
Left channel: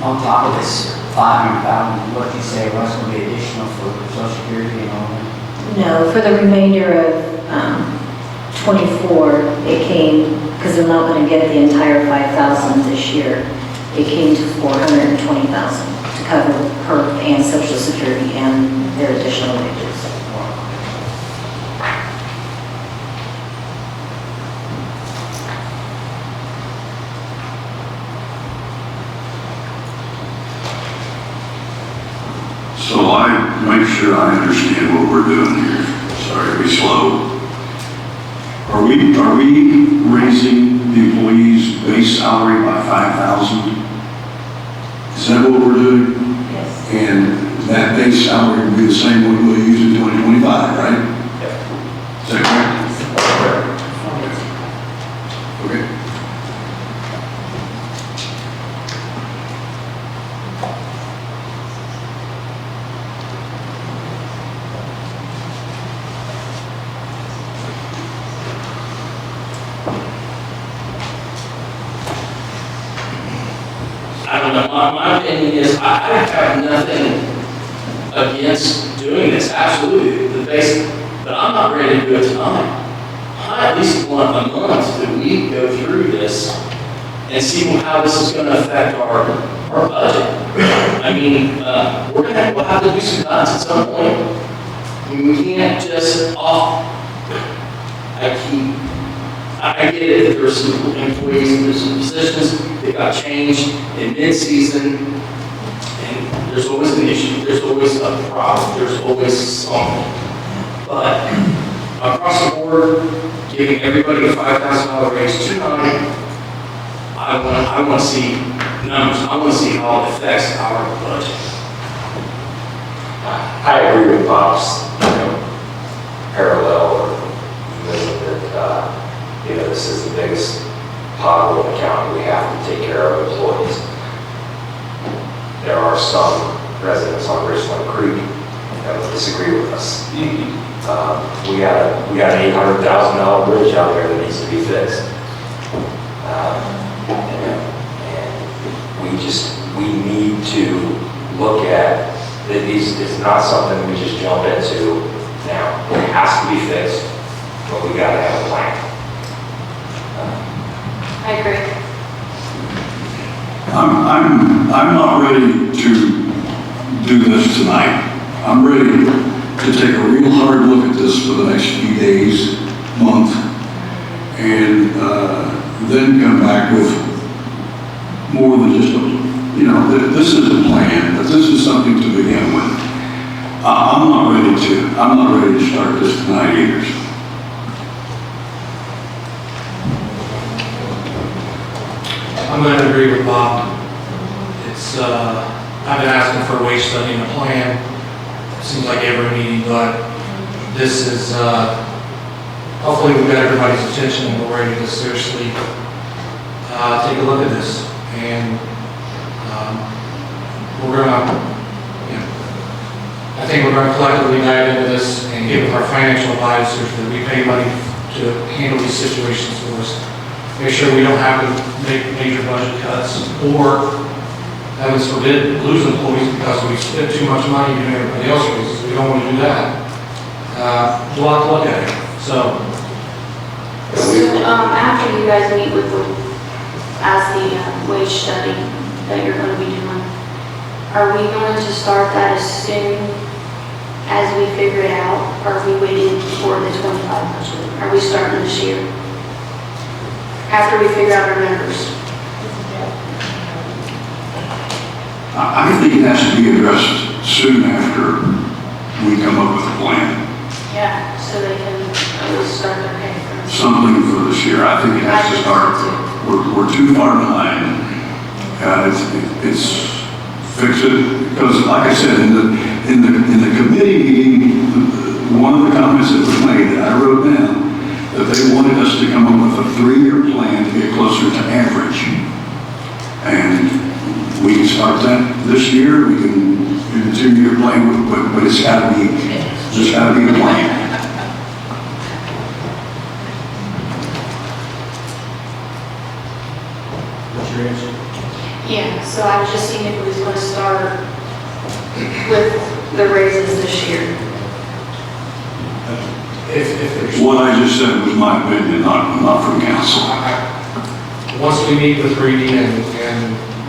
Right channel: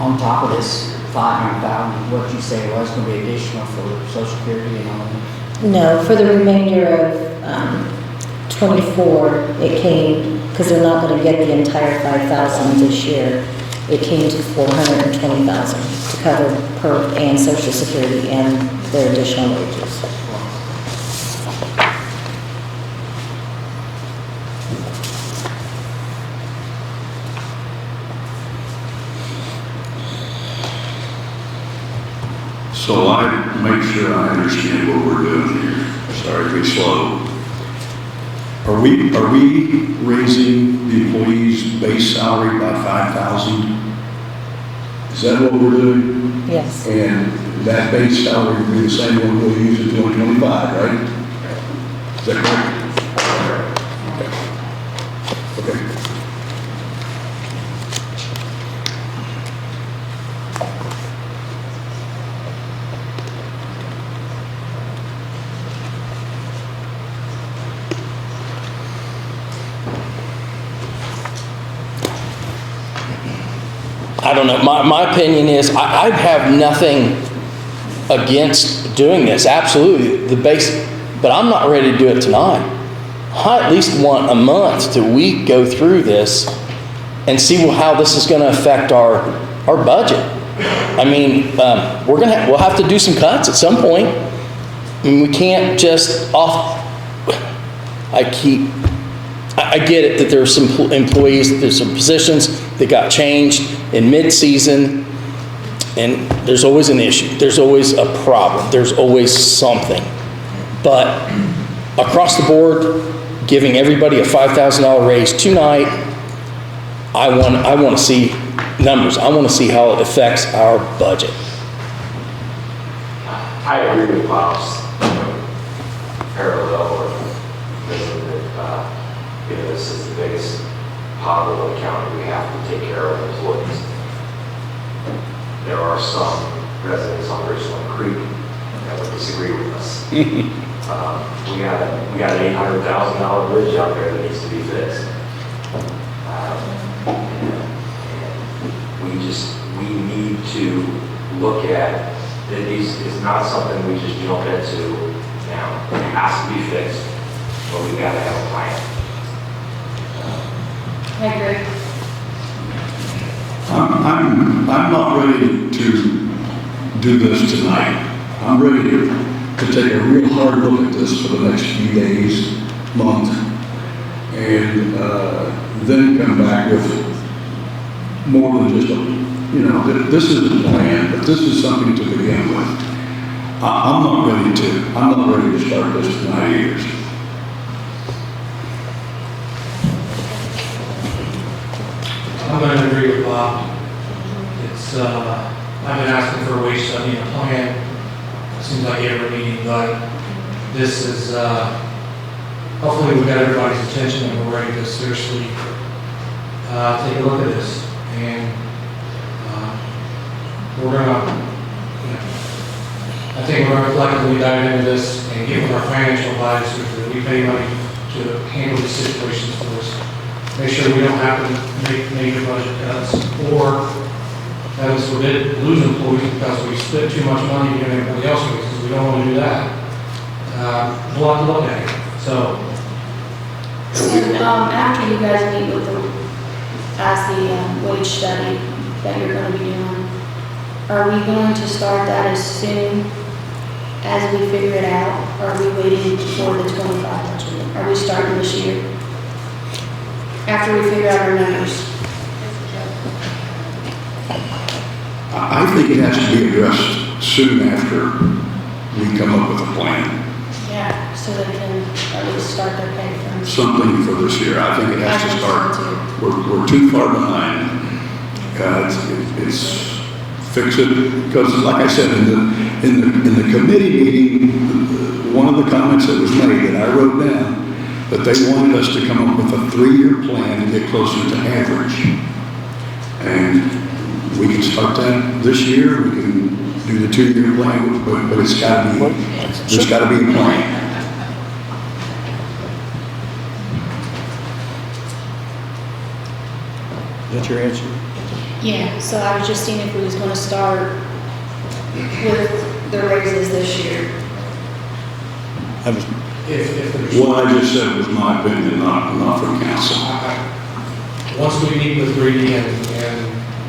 On top of this 500,000, what did you say, what's going to be additional for Social Security on that? No, for the remainder of 24, it came, because they're not going to get the entire 5,000 this year, it came to 420,000 to cover her and Social Security and their additional wages. So I make sure I understand what we're doing here. Sorry to be slow. Are we raising the employee's base salary by 5,000? Is that what we're doing? Yes. And that base salary will be the same one we'll use in 2025, right? Yeah. Is that correct? Okay. I don't know, my opinion is, I have nothing against doing this, absolutely, but I'm not ready to do it tonight. I at least want a month till we go through this and see how this is gonna affect our budget. I mean, we'll have to do some cuts at some point. I mean, we can't just I get it that there are some employees, there's some positions that got changed in mid-season, and there's always an issue. There's always a problem. There's always something. But across the board, giving everybody a $5,000 raise tonight, I want to see numbers. I want to see how it affects our budget. I agree with Bob's, parallel or that, this is the biggest pothole in the county. We have to take care of employees. There are some residents on Richland Creek that would disagree with us. We got an $800,000 bridge out there that needs to be fixed. And we need to look at it. It's not something we just jump into now. It has to be fixed, but we got to have a plan. I agree. I'm not ready to do this tonight. I'm ready to take a real hard look at this for the next few days, month, and then come back with more than just this is a plan, but this is something to begin with. I'm not ready to start this tonight either. I'm going to agree with Bob. I've been asking for a wage study and a plan. It seems like every meeting, but this is, hopefully we've got everybody's attention and we're ready to seriously take a look at this. And we're gonna, I think we're gonna collectively dive into this and get with our financial advisors that we pay money to handle these situations for us. Make sure we don't have to make major budget cuts or, heavens forbid, lose employees because we spent too much money doing everybody else raises. We don't want to do that. There's a lot to look at here. So, After you guys meet with the wage study that you're going to be doing, are we going to start that as soon as we figure it out? Or are we waiting for the 25 budget? Are we starting this year? After we figure out our numbers? I think it has to be addressed soon after we come up with a plan. Yeah, so they can at least start their pay from. Something for this year. I think it has to start. We're too far behind. God, it's fix it, because like I said, in the committee meeting, one of the comments that was made, I wrote down, that they wanted us to come up with a 3-year plan to get closer to average. And we can start that this year, we can do the 2-year plan, but it's gotta be a plan. What's your answer? Yeah, so I was just seeing if we was going to start with the raises this year. If there's. What I just said was my opinion, not from council. Once we meet with Reedy and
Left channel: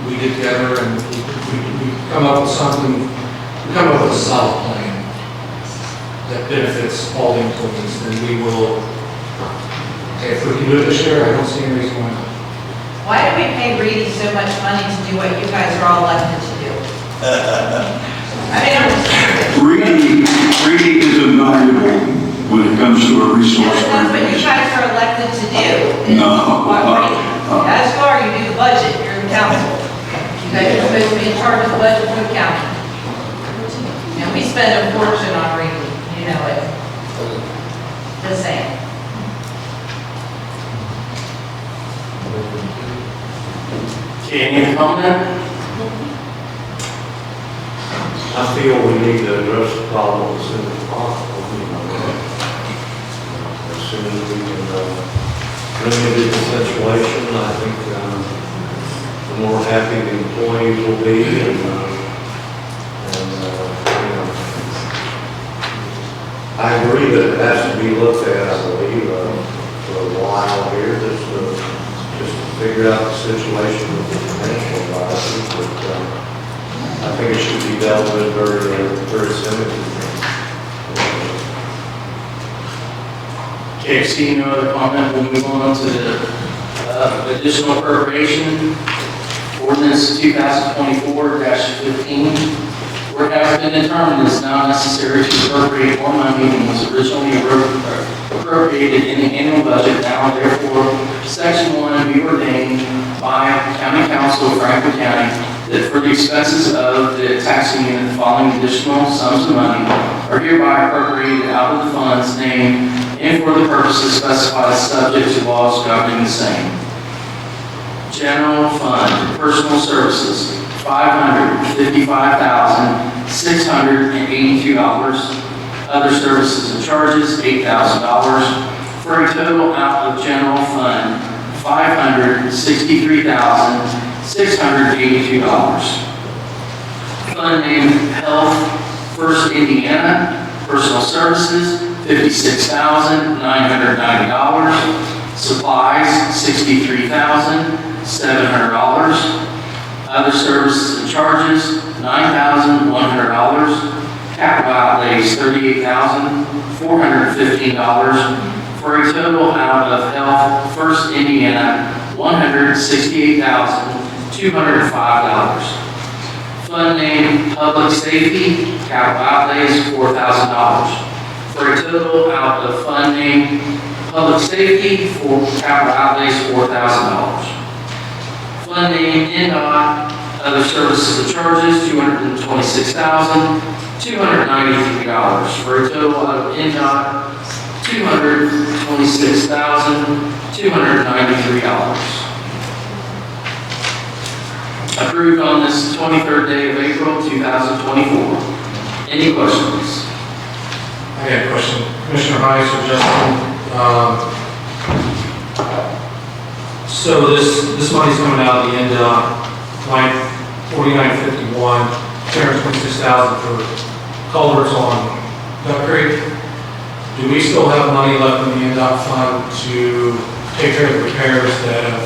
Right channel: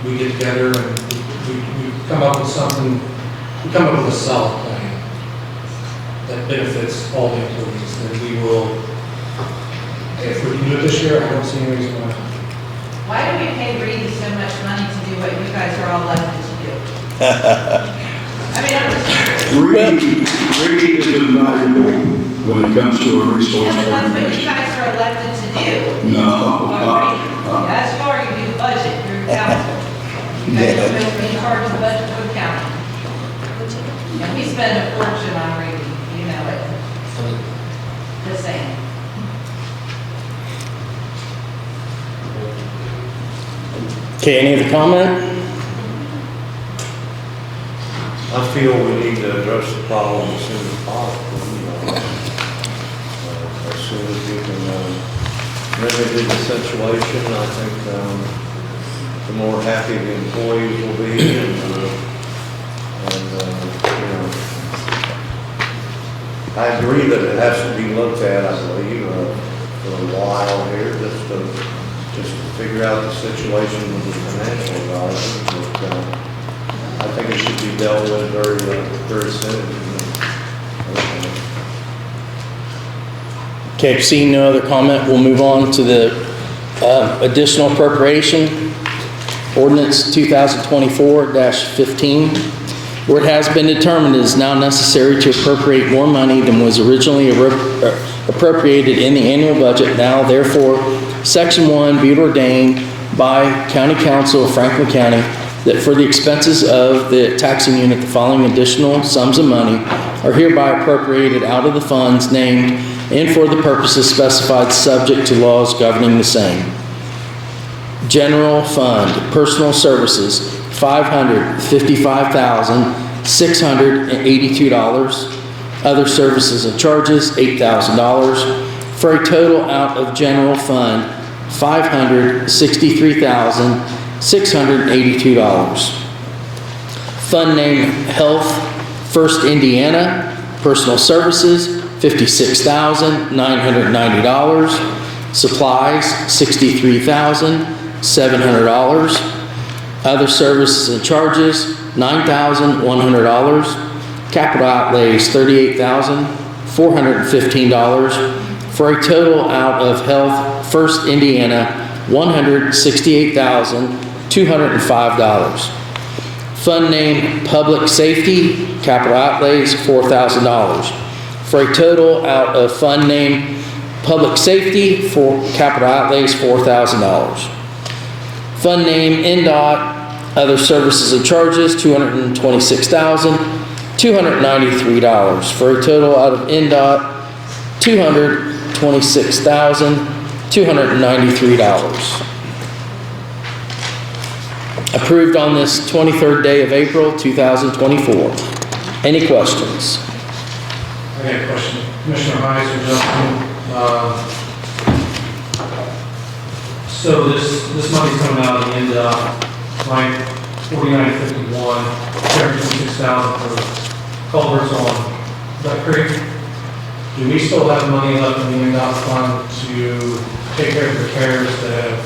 we get together and we come up with something, we come up with a solid plan that benefits all the employees, then we will, if we can do it this year, I don't see any reason why not. Why do we pay Reedy so much money to do what you guys are all elected to do? I mean, I'm just curious. Reedy is invaluable when it comes to a resource. That's what you guys are elected to do. No. As far you do the budget, you're the council. You guys are supposed to be in charge of the budget for the county. And we spend a fortune on Reedy, you know it. The same. Okay, any comment? I feel we need to address the problem as soon as possible, as soon as we can remedy the situation. I think the more happy the employees will be, I agree that it has to be looked at, I believe, for a while here, just to figure out the situation with the financial advisors, but I think it should be dealt with very soon. Okay, seeing no other comment, we'll move on to the additional appropriation, Ordinance 2024-15, where it has been determined it is now necessary to appropriate more money than was originally appropriated in the annual budget. Now, therefore, Section 1 be it ordained by County Council of Franklin County that for the expenses of the taxing unit, the following additional sums of money are hereby appropriated out of the funds named and for the purposes specified subject to laws governing the same. General Fund, Personal Services, $555,682. Other services and charges, $8,000. For a total out of General Fund, $563,682. Fund name Health First Indiana, Personal Services, $56,990. Supplies, $63,700. Other services and charges, $9,100. Capital outlays, $38,415. For a total out of Health First Indiana, $168,205. Fund name Public Safety, capital outlays, $4,000. For a total out of fund name Public Safety for capital outlays, $4,000. Fund name NDOT, other services and charges, $226,293. For a total out of NDOT, $226,293. approved on this 23rd day of April, 2024. Any questions? I got a question. Commissioner Heiss or Justin, so this money's coming out of the end, line 4951, 226,000 for culverts on Duck Creek. Do we still have money left in the NDOT fund to take care of the repairs that have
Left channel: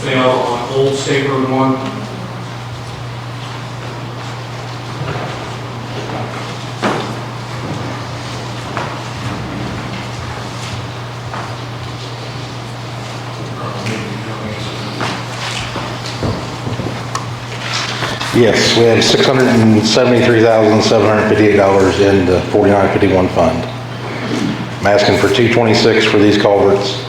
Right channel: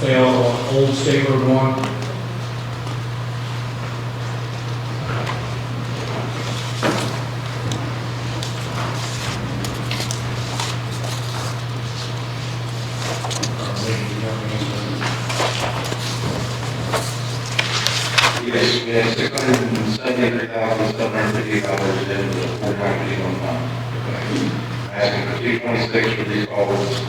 failed on Old State Road 1? Yes, we had $673,758 in the 4951 fund. I'm asking for 226 for these culverts.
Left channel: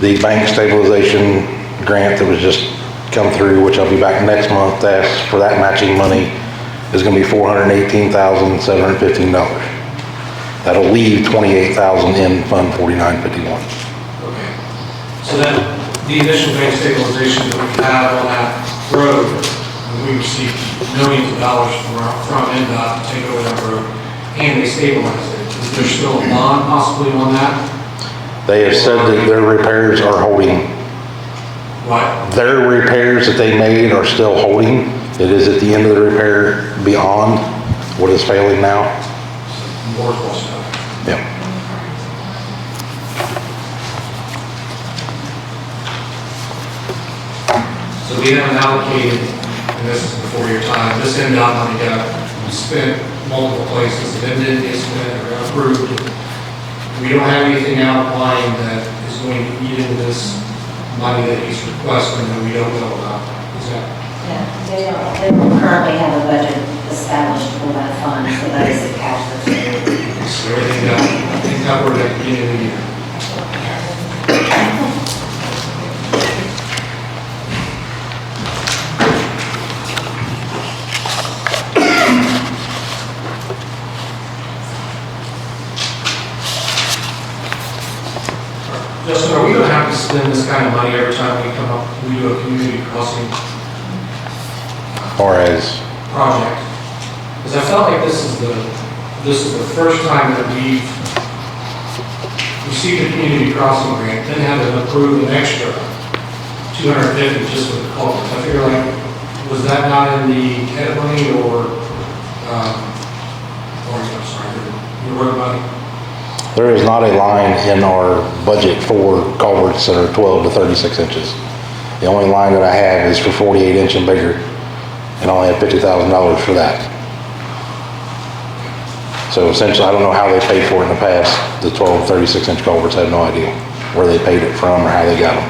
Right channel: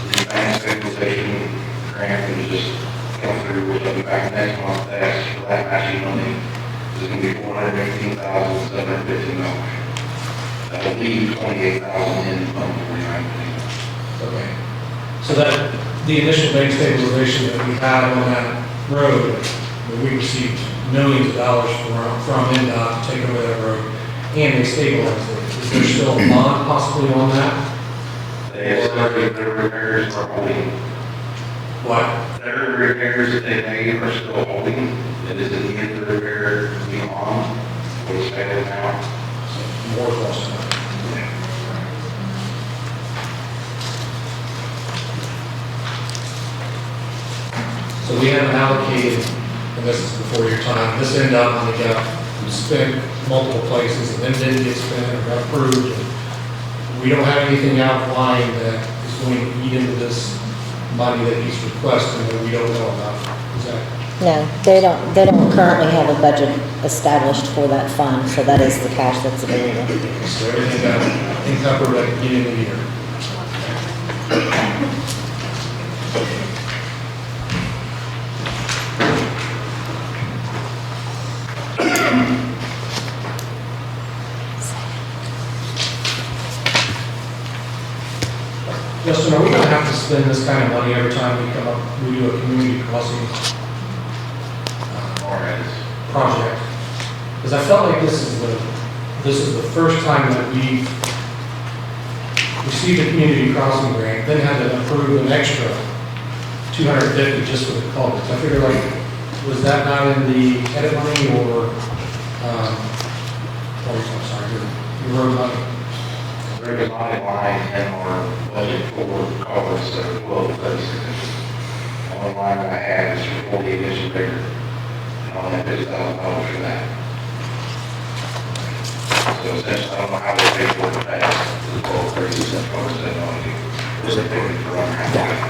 The bank stabilization grant that was just come through, which I'll be back next month to ask for that matching money, is going to be $418,715. That'll leave $28,000 in Fund 4951. Okay. So that, the initial bank stabilization that we had on that road, when we received millions of dollars from NDOT to take over that road, and they stabilized it. Is there still a bond possibly on that? They have said that their repairs are holding. What? Their repairs that they made are still holding. It is at the end of the repair beyond what is failing now. More cost stuff. Yep. So we haven't allocated, and this is before your time, this NDOT money got spent multiple places, and then didn't get spent or got approved. We don't have anything outlined that is going to eat into this money that he's requesting that we don't know about. Is that? No, they don't currently have a budget established for that fund, so that is the cash that's available. So everything got covered at the beginning of the year. Justin, are we going to have to spend this kind of money every time we do a community crossing Or as project? Because I felt like this is the first time that we received a community crossing grant, then had to approve an extra $250 just for the culvert. I figure like, was that not in the edit money or I'm sorry, your road money? there is not a line in our budget for culverts that are 12 to 36 inches. The only line that I have is for 48 inch and bigger, and I only have $50,000 for that. So essentially, I don't know how they paid for it in the past. The 12, 36 inch culverts, I have no idea where they paid it from or how they got it.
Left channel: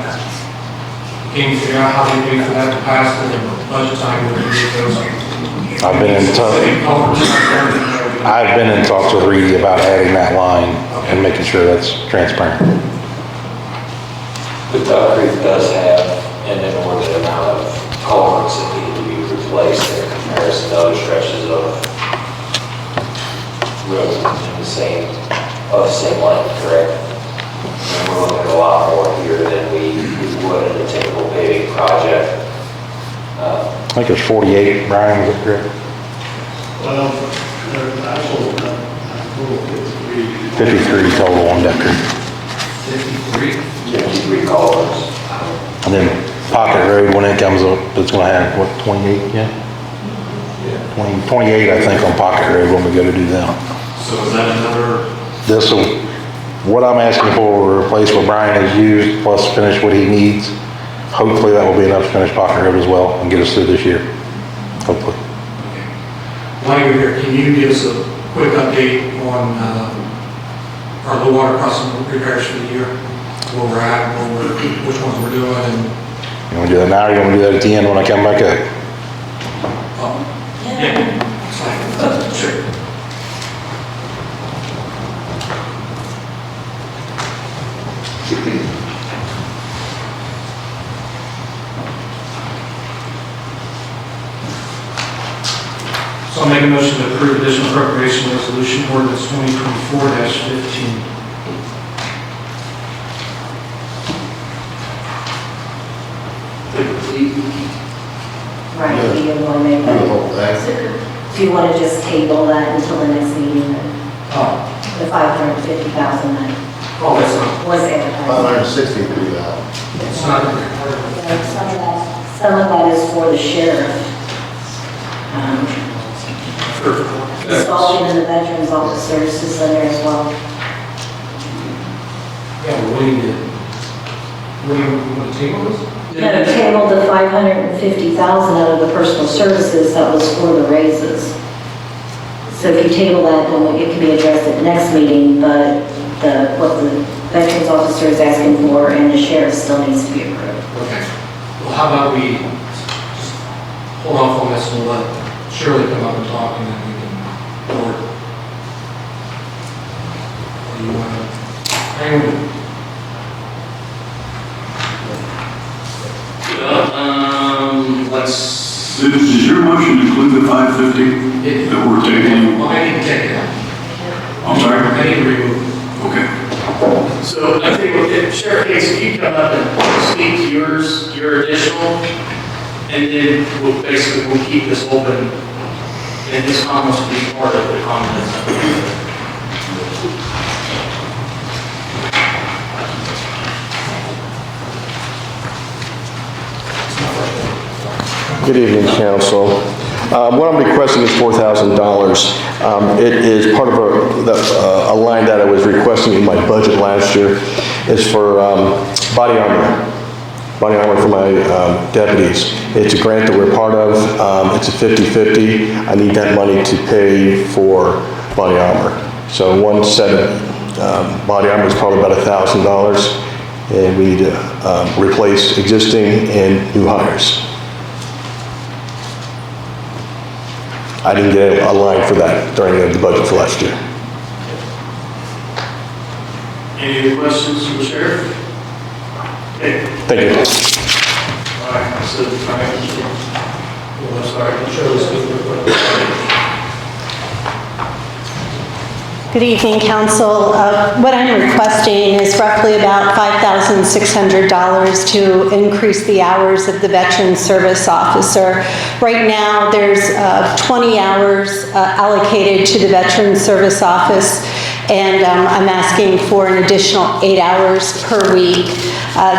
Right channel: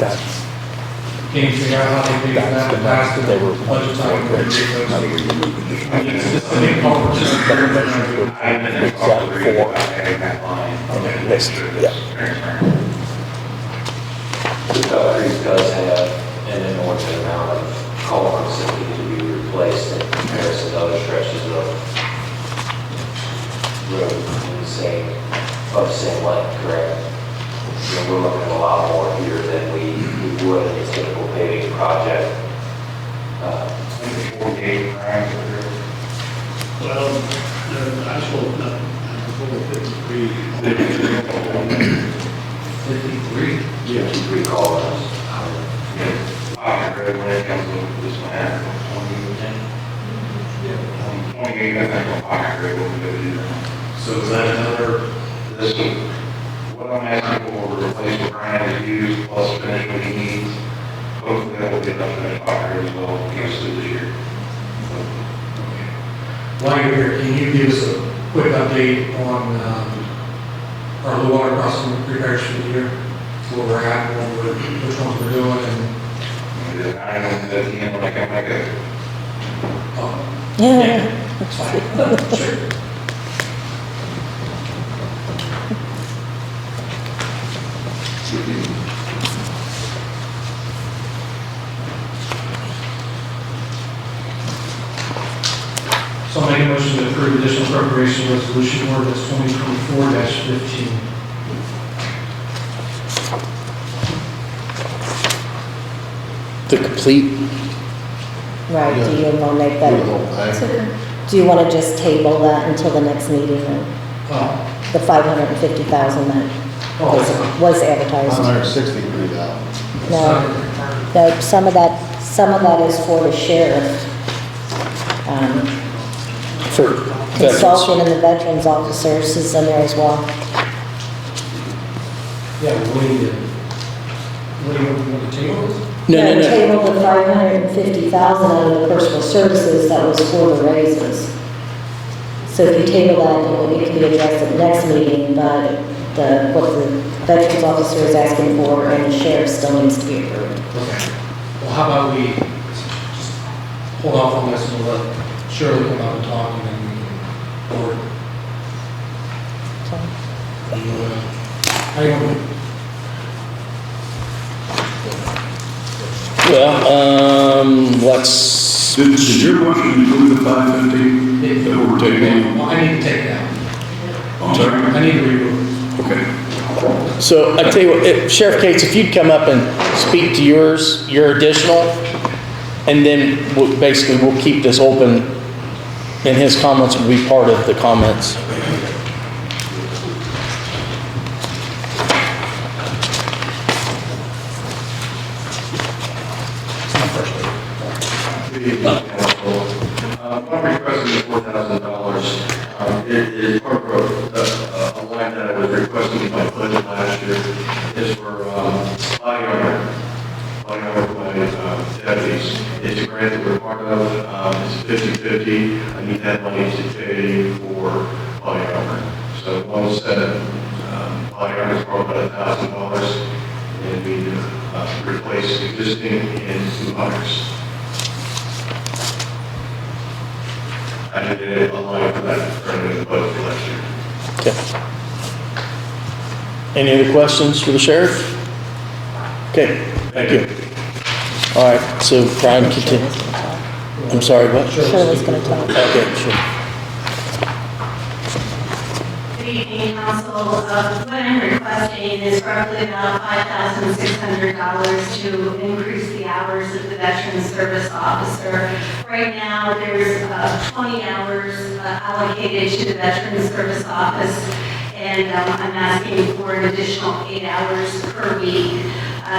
Can you figure out how they paid for that in the past and they were budget time where you get those? I've been in talks with Reedy about adding that line and making sure that's transparent. The Duck Creek does have an inordinate amount of culverts that need to be replaced in comparison to other stretches of road in the same length, correct? And we're looking at a lot more here than we would in a typical paving project. I think there's 48, Brian, is that correct? Well, there's actual, 53 total on Duck Creek. 53 culverts. And then Pocket Road, when it comes up, it's gonna have, what, 28, yeah? 28, I think, on Pocket Road when we go to do them. So is that another? This'll, what I'm asking for will replace what Brian has used, plus finish what he needs. Hopefully that will be enough to finish Pocket Road as well and get us through this year, hopefully. While you're here, can you give us a quick update on our low water crossing repairs for the year? Where we're at, which ones we're doing, and You wanna do that now, or you wanna do that at the end when I come back up? yeah. Sure. So I'll make a motion to approve additional appropriation resolution ordinance 2024-15. The complete, Right, Right, do you want to make that? Do you want to just table that until the next meeting? Oh, The 550,000 that oh, it's not. was advertised? 563,000. It's not. No, some of that is for the sheriff. For Consulting and the veterans officers is in there as well. Yeah, what do you want to table this? No. Table the 550,000 out of the personal services that was for the raises. So if you table that, then it can be addressed at the next meeting, but what the veterans officer is asking for and the sheriff still needs to be approved. Okay. Well, how about we just hold off on this and let Shirley come up and talk, and then we can go over it. How you want let's. Does your motion include the 550 that we're taking? Well, I need to take it out. I'm sorry? I need to remove. Okay. So I tell you what, Sheriff Cates, if you'd come up and speak to your additional, and then we'll keep this open, and his comments will be part of the comments. Good evening, council. What I'm requesting is $4,000. It is part of a line that I was requesting in my budget last year. It's for body armor for my deputies. It's a grant that we're part of. It's a 50-50. I need that money to pay for body armor. So one set of body armor is probably about $1,000, and we need to replace existing and new hires. I didn't get a line for that during the budget for last year. Okay. Any other questions for the sheriff? Okay. Thank you. All right, so Brian, I'm sorry. Good evening, council. What I'm requesting is roughly about $5,600 to increase the hours of the veteran service officer. Right now, there's 20 hours allocated to the veteran service office, and I'm asking for an additional 8 hours per week.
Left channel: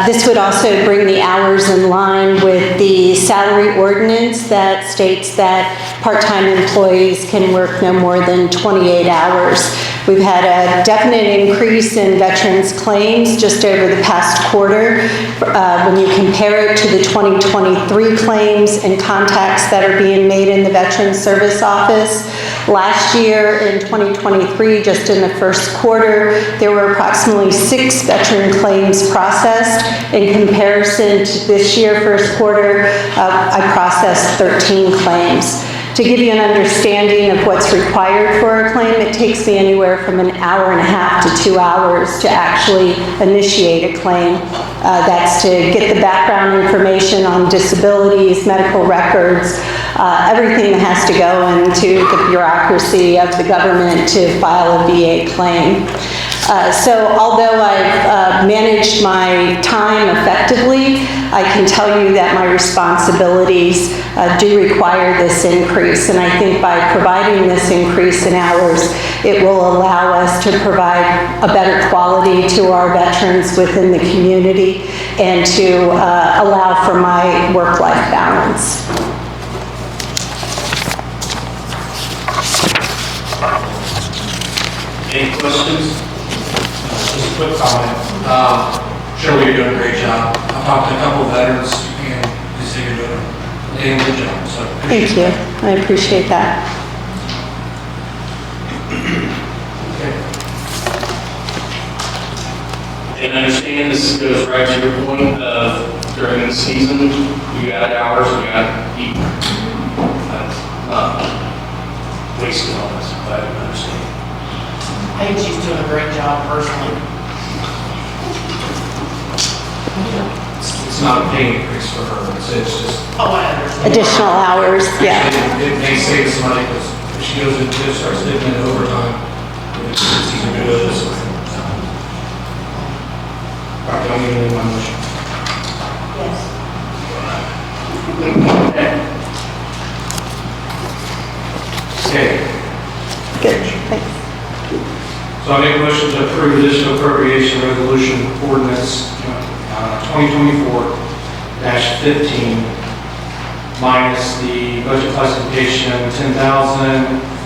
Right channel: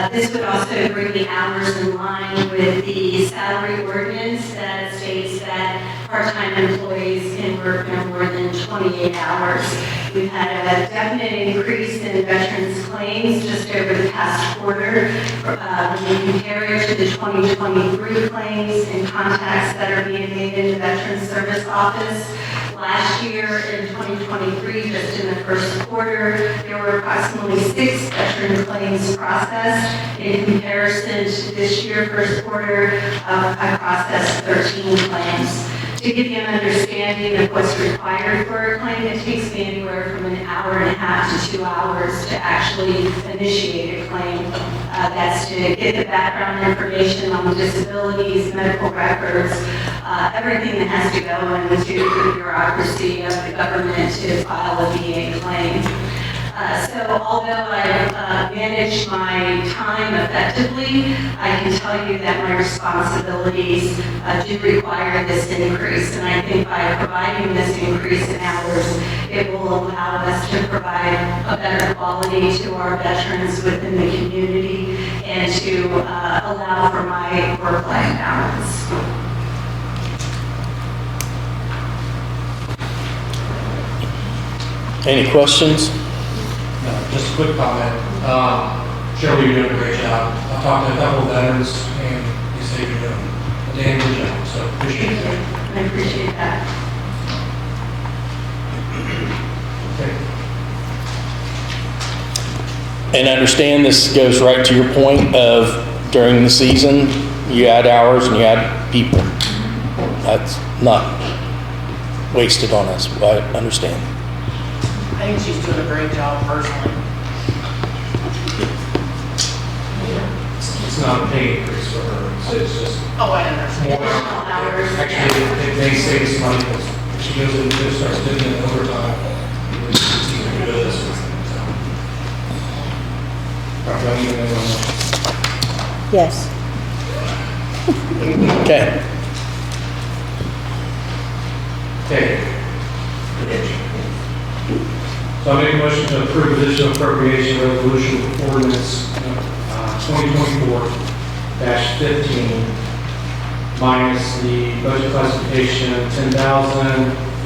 This would also bring the hours in line with the salary ordinance that states that part-time employees can work no more than 28 hours. We've had a definite increase in veterans claims just over the past quarter. When you compare it to the 2023 claims and contacts that are being made in the Veterans Service Office, last year in 2023, just in the first quarter, there were approximately 6 veteran claims processed. In comparison to this year, first quarter, I processed 13 claims. To give you an understanding of what's required for a claim, it takes me anywhere from an hour and a half to 2 hours to actually initiate a claim. That's to get the background information on disabilities, medical records, everything that has to go into the bureaucracy of the government to file a VA claim. So although I've managed my time effectively, I can tell you that my responsibilities do require this increase. And I think by providing this increase in hours, it will allow us to provide a better quality to our veterans within the community and to allow for my work-life balance. Any questions? Just a quick comment. Shirley, you're doing a great job. I've talked to a couple of veterans, and they say you're doing a damn good job. So Thank you. I appreciate that. And understand this goes right to your point of during the season, you add hours and you add people. That's not wasted on us, but I understand. I think she's doing a great job personally. it's not a pay increase for her. It's just. Oh, I understand. Additional hours, yeah. It may save some money because if she goes and starts dipping in overtime, it's easier to do this way. All right, don't even name my motion. Yes. Okay. Okay. Good, thanks. So I make a motion to approve additional appropriation resolution ordinance 2024-15 minus the budget classification of $10,000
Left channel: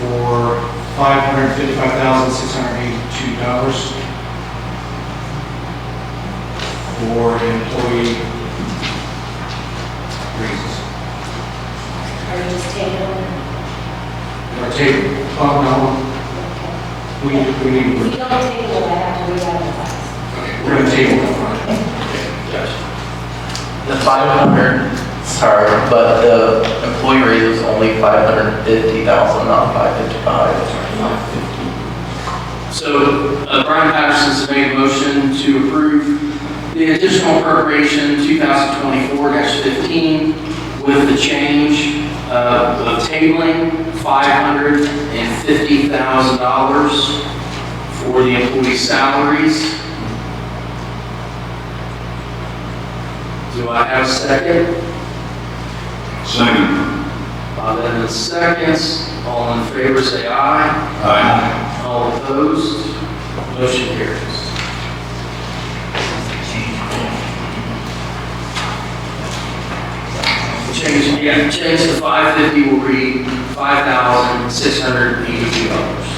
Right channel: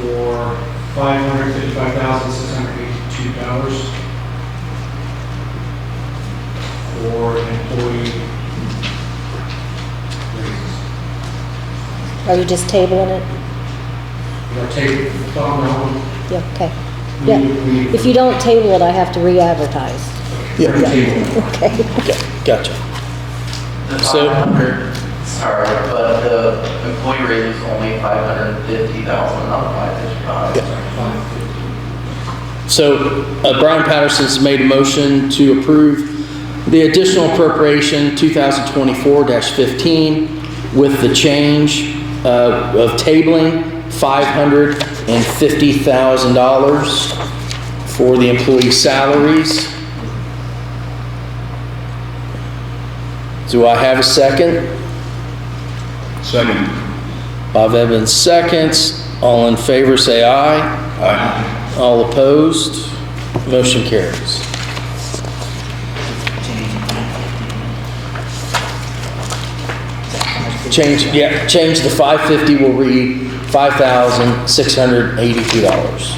for $555,682 for employee raises. Are you just tabling it? Our table, no. Yeah, okay. We- Yeah. we- If you don't table it, I have to re-advertise. We're gonna table it. Okay. Gotcha. The 500, sorry, but the employee rate was only 550,000, not 555. So Brian Patterson's made a motion to approve the additional appropriation 2024-15 with the change of tabling $550,000 for the employee salaries. Do I have a second? Second. Bob Evans seconds. All in favor say aye. Aye. All opposed? Motion carries. Change the 550 will read $5,682.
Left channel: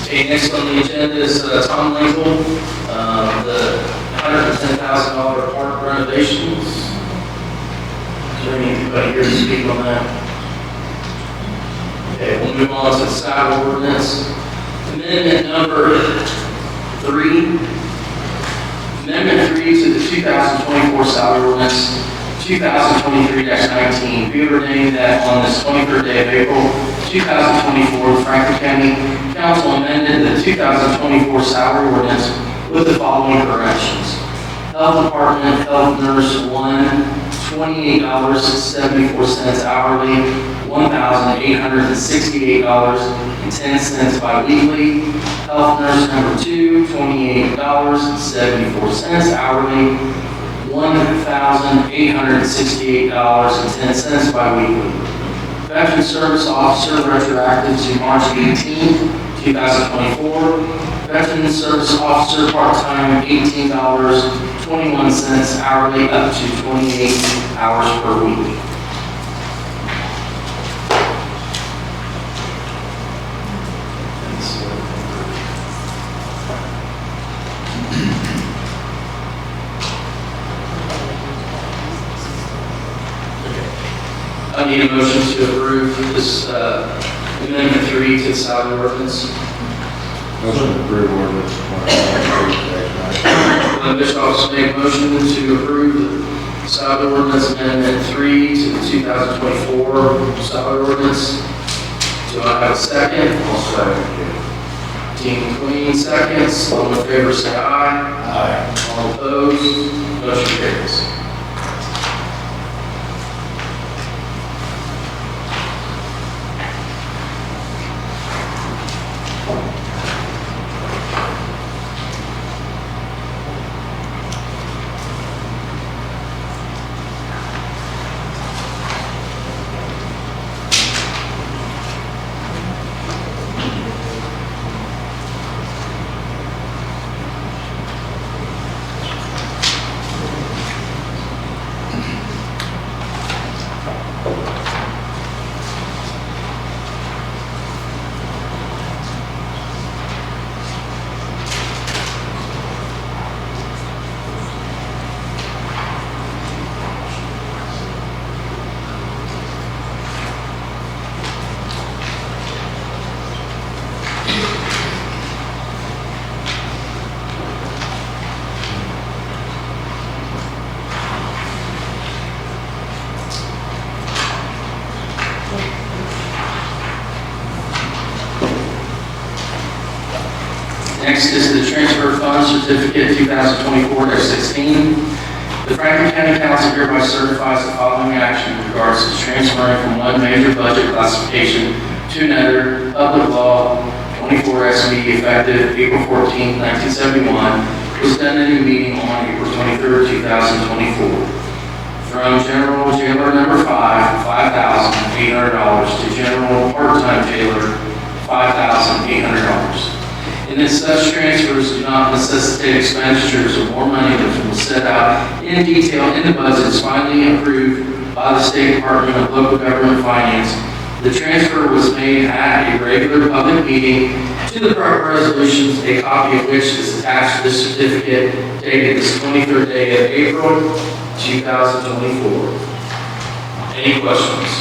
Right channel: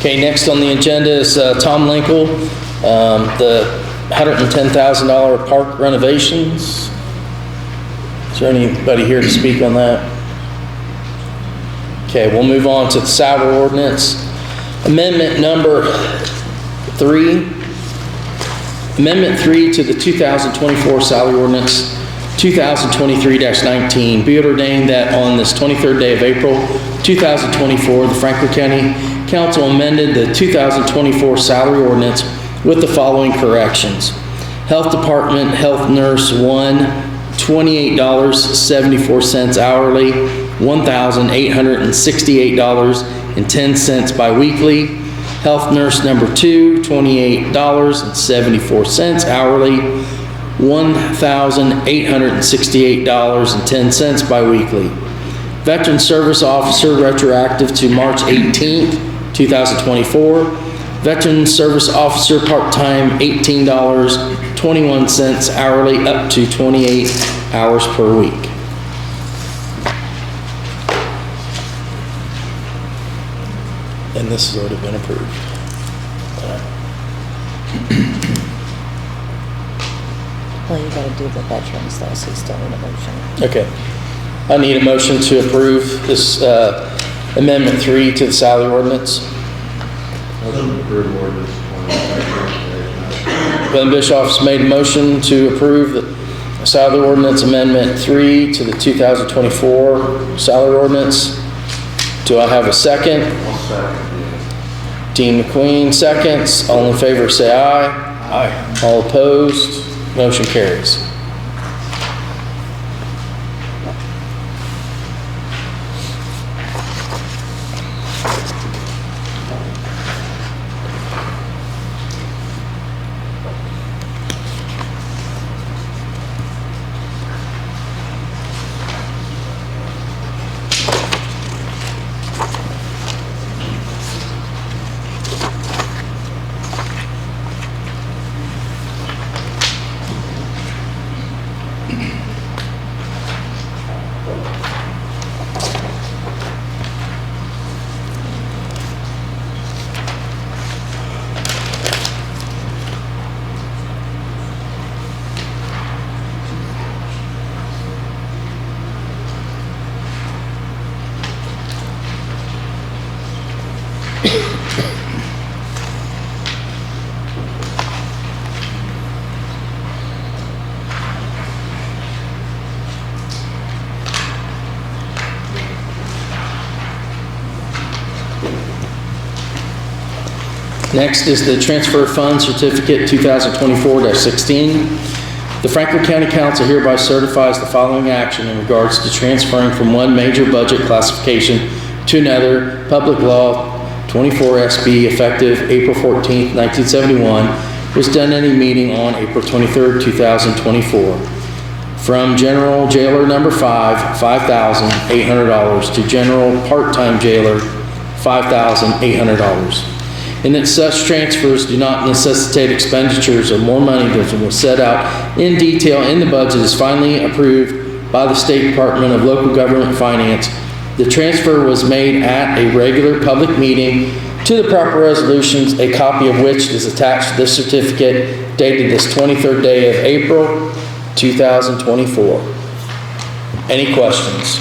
Okay, next on the agenda is Tom Linke, the $110,000 park renovations. Is there anybody here to speak on that? Okay, we'll move on to the salary ordinance. Amendment number 3. Amendment 3 to the 2024 salary ordinance 2023-19. Be it ordained that on this 23rd day of April 2024, the Franklin County Council amended the 2024 salary ordinance with the following corrections. Health Department Health Nurse 1, $28.74 hourly, $1,868.10 biweekly. Health Nurse number 2, $28.74 hourly, $1,868.10 biweekly. Veteran Service Officer retroactive to March 18th, 2024. Veteran Service Officer part-time $18.21 hourly up to 28 hours per week. And this has already been approved. What are you going to do with veterans, though, so it's still in the motion? Okay. I need a motion to approve this amendment 3 to the salary ordinance. Motion to approve ordinance 2023-19. Glenn Bischoff's made a motion to approve the salary ordinance amendment 3 to the 2024 salary ordinance. Do I have a second? I'll second it. Dean McQueen seconds. All in favor say aye. Aye. All opposed? Motion carries. Next is the transfer fund certificate 2024-16. The Franklin County Council hereby certifies the following action in regards to transferring from one major budget classification to another. Public Law 24 SB effective April 14, 1971 was done in a meeting on April 23, 2024. From General Jailer Number 5, $5,800 to General Part-Time Jailer, $5,800. And that such transfers do not necessitate expenditures of more money than was set out in detail in the budget is finally approved by the State Department of Local Government and Finance. The transfer was made at a regular public meeting to the proper resolutions, a copy of which is attached to this certificate dated this 23rd day of April, 2024. Any questions?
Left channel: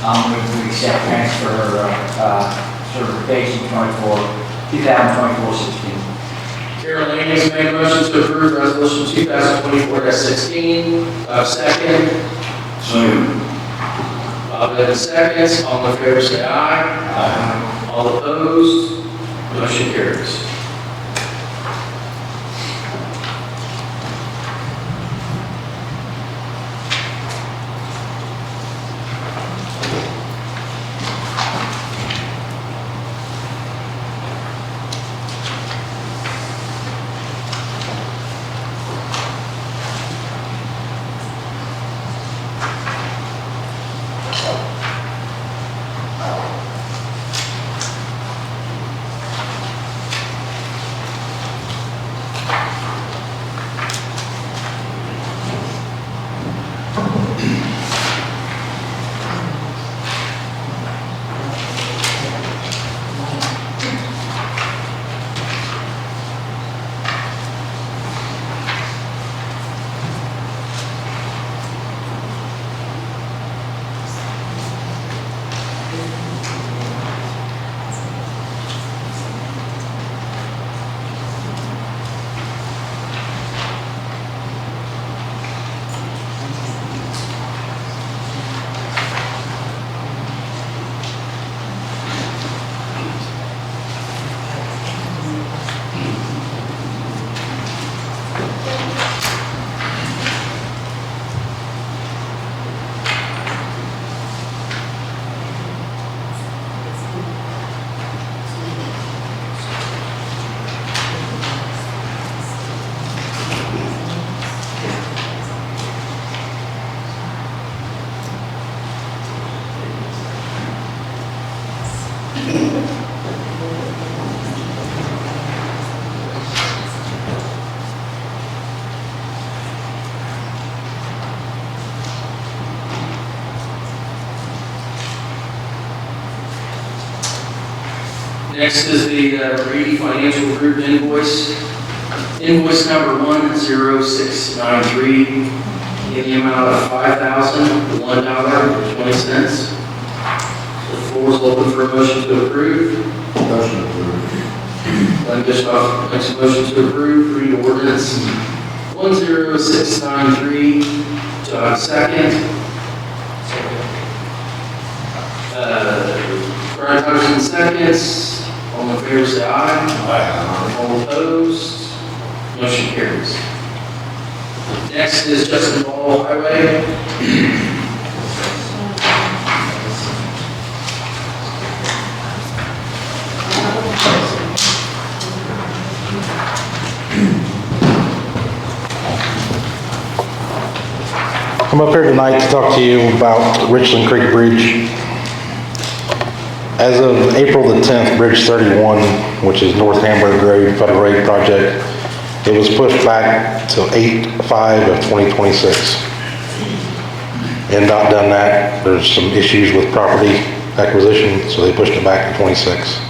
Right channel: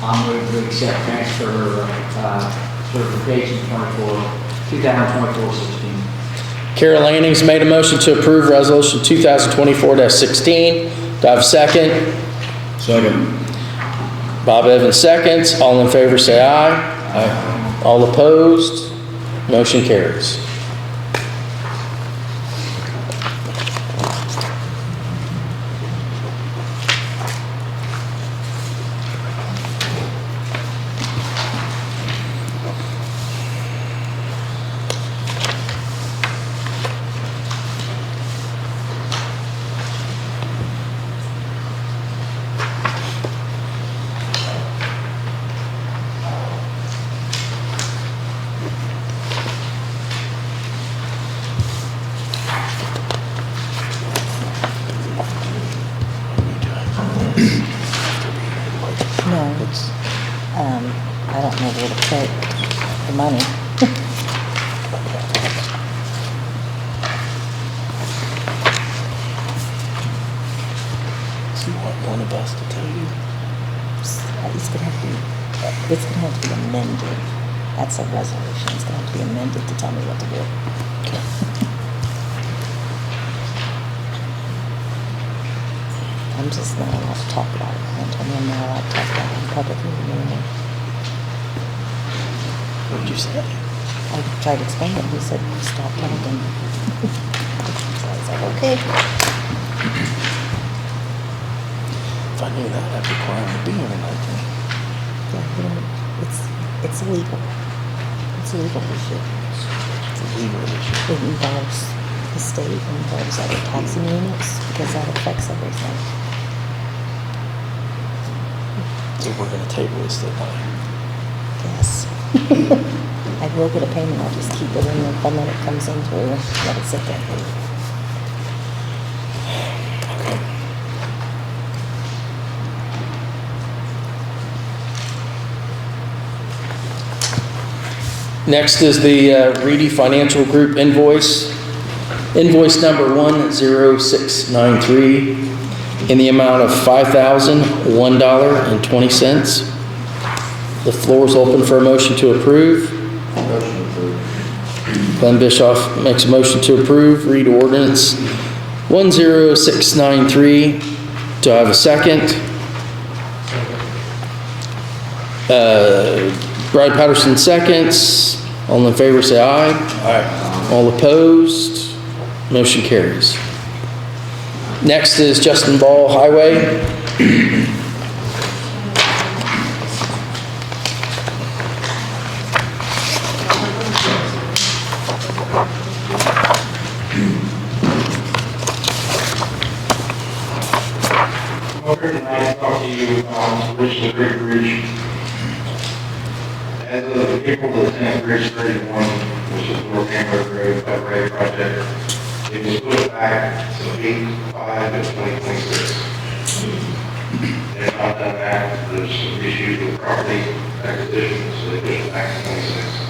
I'll move to accept transfer certification 2024-16. Carol Lanning's made a motion to approve resolution 2024-16. Do I have a second? Second. Bob Evans seconds. All in favor say aye. Aye. All opposed? Motion carries. It's going to have to be amended. That's a resolution. It's going to have to be amended to tell me what to do. I'm just letting us talk about it. I'm telling them what to talk about publicly. What did you say? I tried to explain it. You said you stop talking. Okay. If I knew that, I'd be quiet and doing it. It's legal. It's a legal issue. It's a legal issue. It involves the state, it involves other taxing units, because that affects everything. So we're going to table this then? Yes. I will get a payment, I'll just keep it in there when it comes in through, let it sit there. Next is the Reedy Financial Group invoice. Invoice number 10693 in the amount of $5,001.20. The floor is open for a motion to approve. Motion approved. Glenn Bischoff makes a motion to approve. Read ordinance 10693. Do I have a second? Brad Patterson seconds. All in favor say aye. Aye. All opposed? Motion carries. Next is Justin Ball Highway. I'm up here tonight to talk to you about Richland Creek Bridge. As of April the 10th, Bridge 31, which is North Hamburg Road Federal Road project, it was pushed back to 8/5 of 2026. And not done that, there's some issues with property acquisition, so they pushed it back to 26.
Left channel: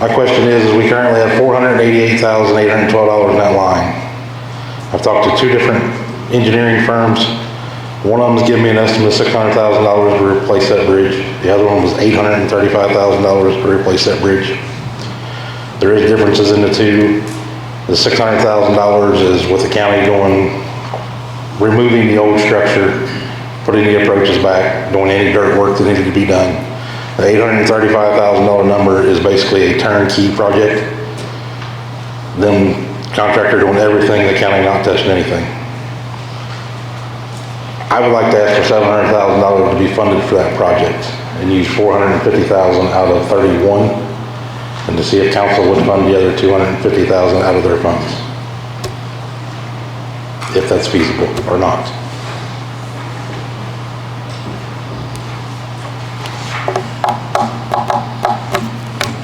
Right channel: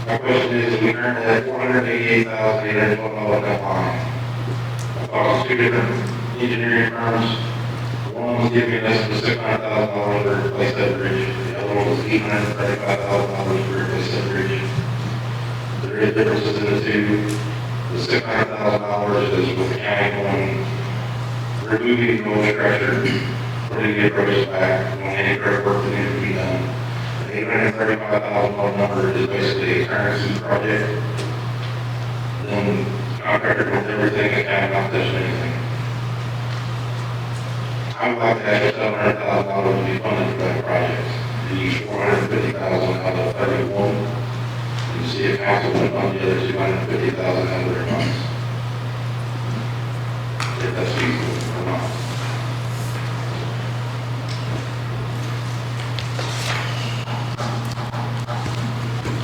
My question is we currently have $488,812 in that line. I've talked to 2 different engineering firms. One of them's giving me an estimate of $600,000 to replace that bridge. The other one was $835,000 to replace that bridge. There is differences in the two. The $600,000 is with the county going, removing the old structure, putting the approaches back, doing any dirt work that needed to be done. The $835,000 number is basically a turnkey project. Then contractor doing everything, the county not touching anything. I would like to ask for $700,000 to be funded for that project and use $450,000 out of 31, and to see if council would fund the other $250,000 out of their funds. If that's feasible or not.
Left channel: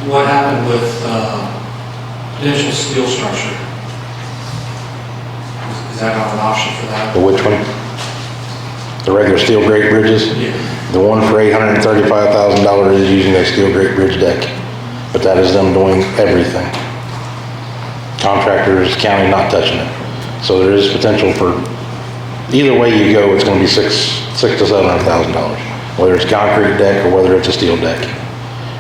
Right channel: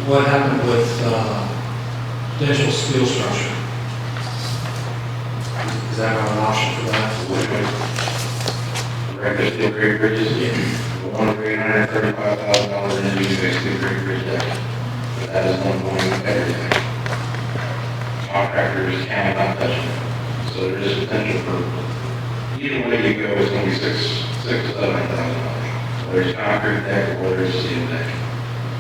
What happened with potential steel structure? Is that not an option for that? The which one? The regular steel grate bridges? Yeah. The one for $835,000 is using a steel grate bridge deck, but that is them doing everything. Contractors, county not touching it. So there is potential for, either way you go, it's gonna be $600,000 to $700,000, whether it's concrete deck or whether it's a steel deck.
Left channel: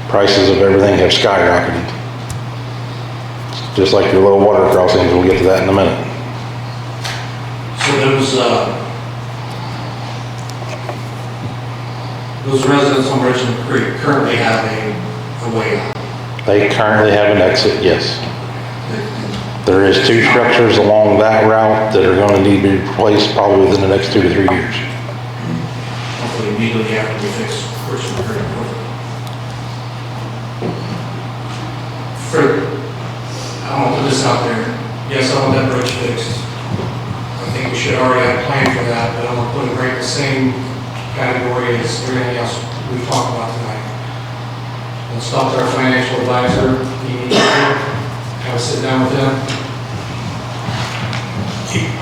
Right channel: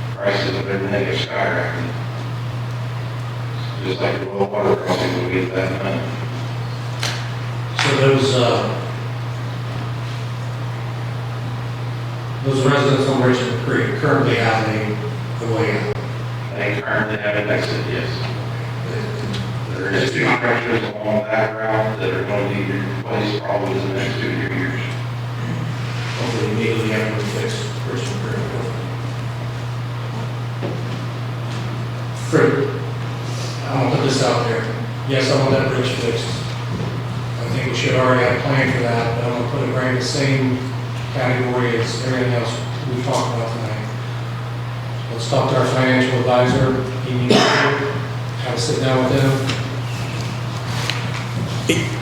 Prices of everything have skyrocketed. Just like your low water crossings, we'll get to that in a minute. So those residents on Richmond Creek currently have a way out. They currently have an exit, yes. There is 2 structures along that route that are going to need to be replaced probably within the next 2 to 3 years. Hopefully immediately after we fix Richmond Creek. Fred, I want to put this out there. Yes, I want that bridge fixed. I think we should already have a plan for that, but I want to put it right in the same category as everything else we've talked about tonight. Let's talk to our financial advisor. He needs to have a sit down with him.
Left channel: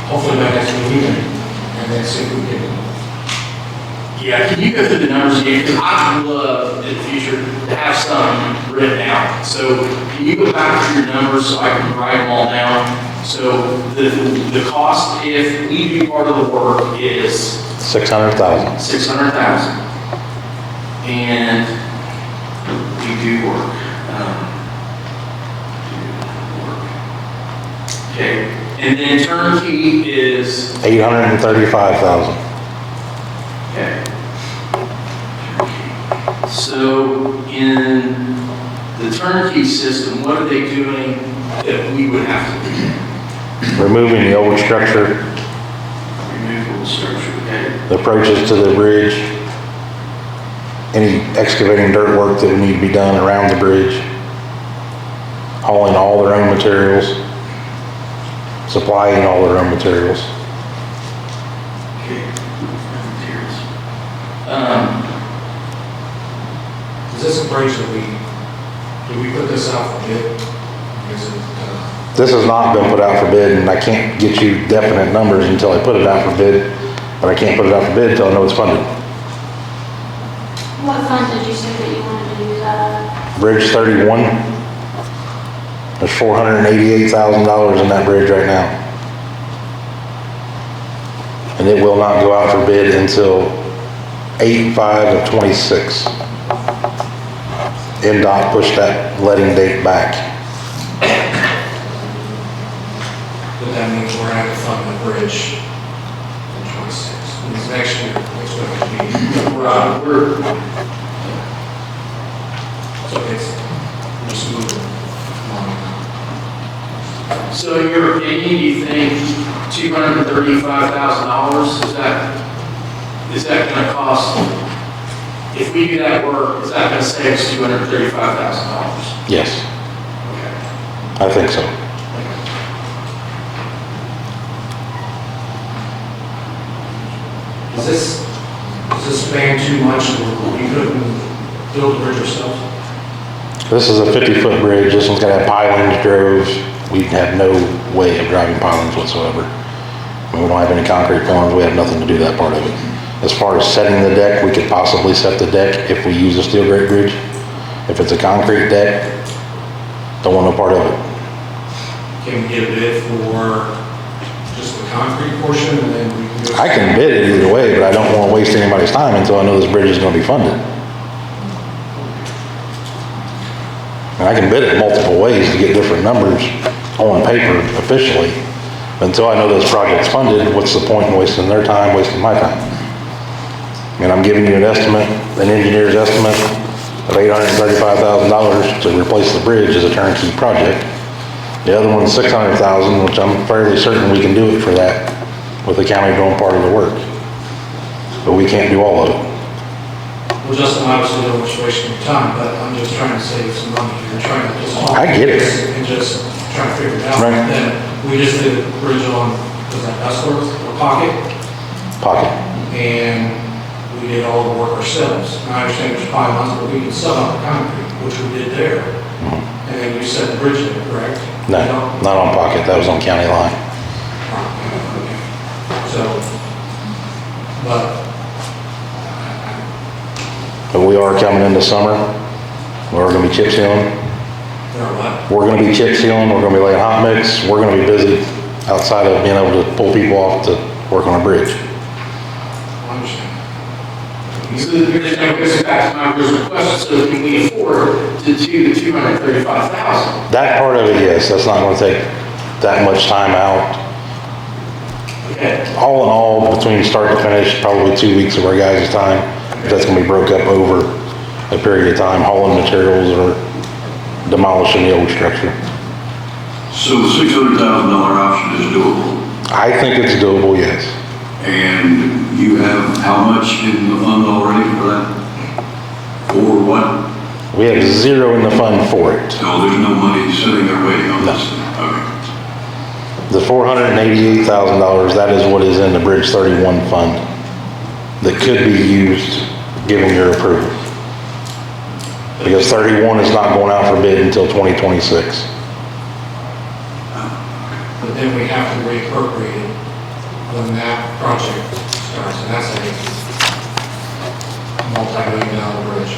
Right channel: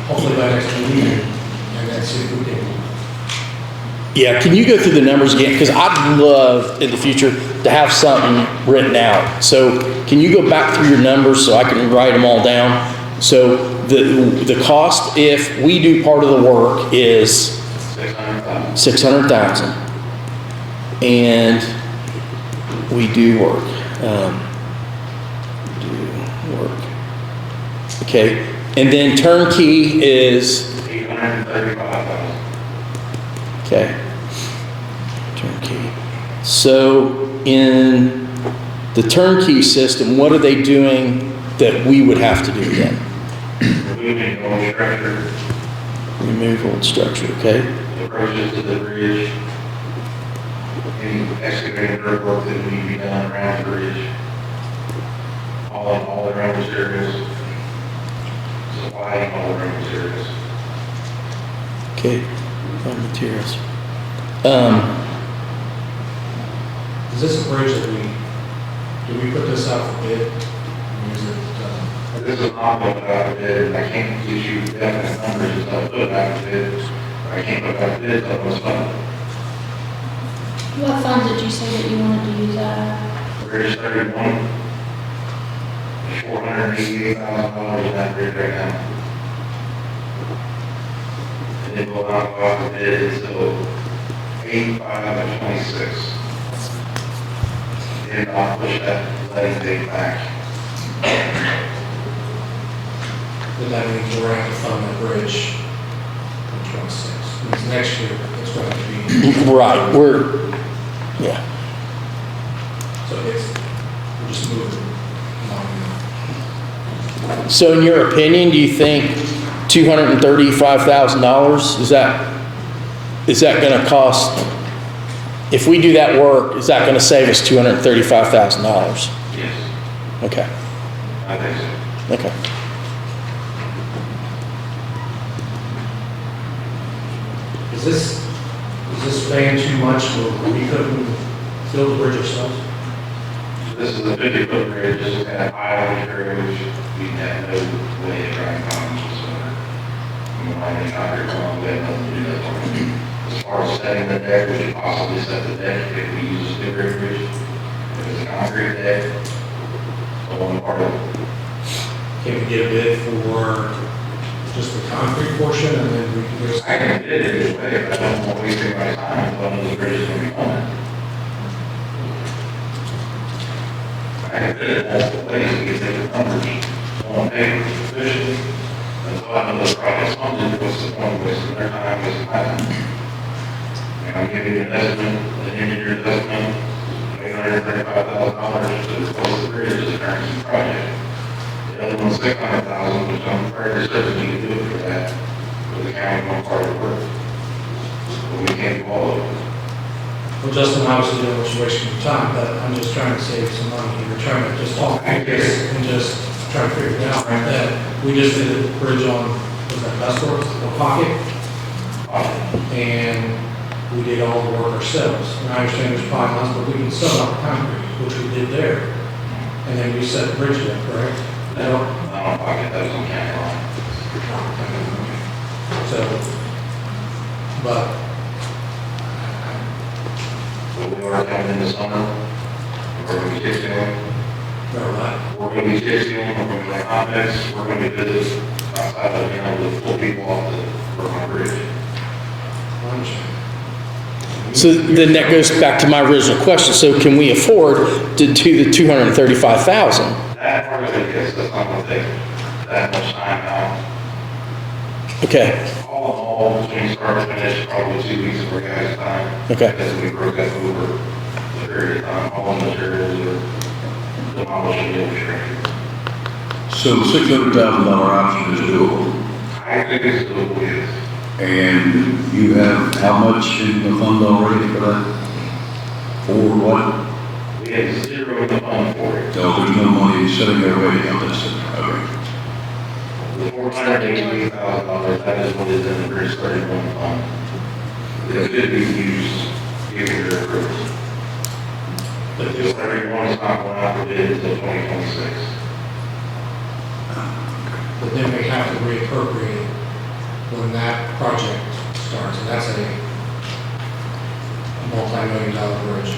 Hopefully by next meeting, and then see if we can. Yeah, can you go through the numbers again? Because I'd love in the future to have something written out. So can you go back through your numbers so I can write them all down? So the cost if we do part of the work is $600,000. $600,000, and we do work. Okay, and then turnkey is $835,000. okay. Turnkey. So in the turnkey system, what are they doing that we would have to do then? Removing the old structure. Remove old structure, okay? The approaches to the bridge. Any excavating dirt work that would need to be done around the bridge. Hauling all their own materials. Supplying all their own materials. Okay, raw materials. Is this a bridge that do we put this out for bid? Or is it, This has not been put out for bid, and I can't get you definite numbers until I put it out for bid. But I can't put it out for bid until I know it's funded. What fund did you say that you wanted to do that? Bridge 31. There's $488,000 in that bridge right now. And it will not go out for bid until 8/5 of 26. NDOT pushed that letting date back. But that means we're going to have to fund the bridge in 26. Because next year, that's what it'll be. Right, yeah. So it's, we're just moving on. So in your opinion, do you think $235,000, is that gonna cost, if we do that work, is that gonna save us $235,000? Yes, Okay, I think so. okay. Is this paying too much and we couldn't build the bridge ourselves? This is a 50-foot bridge. This one's gonna have pilings drove. We have no way of driving pilings whatsoever. We don't have any concrete pilings. We have nothing to do that part of it. As far as setting the deck, we could possibly set the deck if we use a steel grate bridge. If it's a concrete deck, don't want no part of it. Can we get a bid for just the concrete portion and then we can go? I can bid it either way, but I don't want to waste anybody's time until I know this bridge is going to be funded. And I can bid it multiple ways to get different numbers on paper officially. Until I know this project's funded, what's the point in wasting their time, wasting my time? And I'm giving you an estimate, an engineer's estimate of $835,000 to replace the bridge as a turnkey project. The other one's $600,000, which I'm fairly certain we can do it for that with the county doing part of the work. But we can't do all of it. Well, Justin, obviously, don't want you wasting your time, but I'm just trying to save some money and trying to just talk. I get it. And just trying to figure it out. Right. And then we just did the bridge on, was that Dustworth, or Pocket? Pocket. And we did all the work ourselves. And I understand there's probably lots, but we can sub out the concrete, which we did there. And then we set the bridge in, correct? No, not on Pocket, that was on county line. So, but we are coming into summer. We're gonna be chip sealing. We're gonna be chip sealing, we're gonna be laying hot mix. We're gonna be busy outside of being able to pull people off to work on a bridge. So then that goes back to my original question. So can we afford to do the $235,000? That part of it, yes, that's not gonna take that much time out. Okay. All in all, between start to finish, probably 2 weeks of our guys' time. Okay. That's gonna be broke up over a period of time, hauling materials or demolishing the old structure. So the $600,000 option is doable. I think it's doable, yes. And you have how much in the fund already for that? For what? We have zero in the fund for it. So there's no money sitting there waiting on this? Okay. The $488,000, that is what is in the Bridge 31 fund that could be used given your approval. Because 31 is not going out for bid until 2026. but then we have to reappropriate it when that project starts, and that's a multi-million-dollar bridge.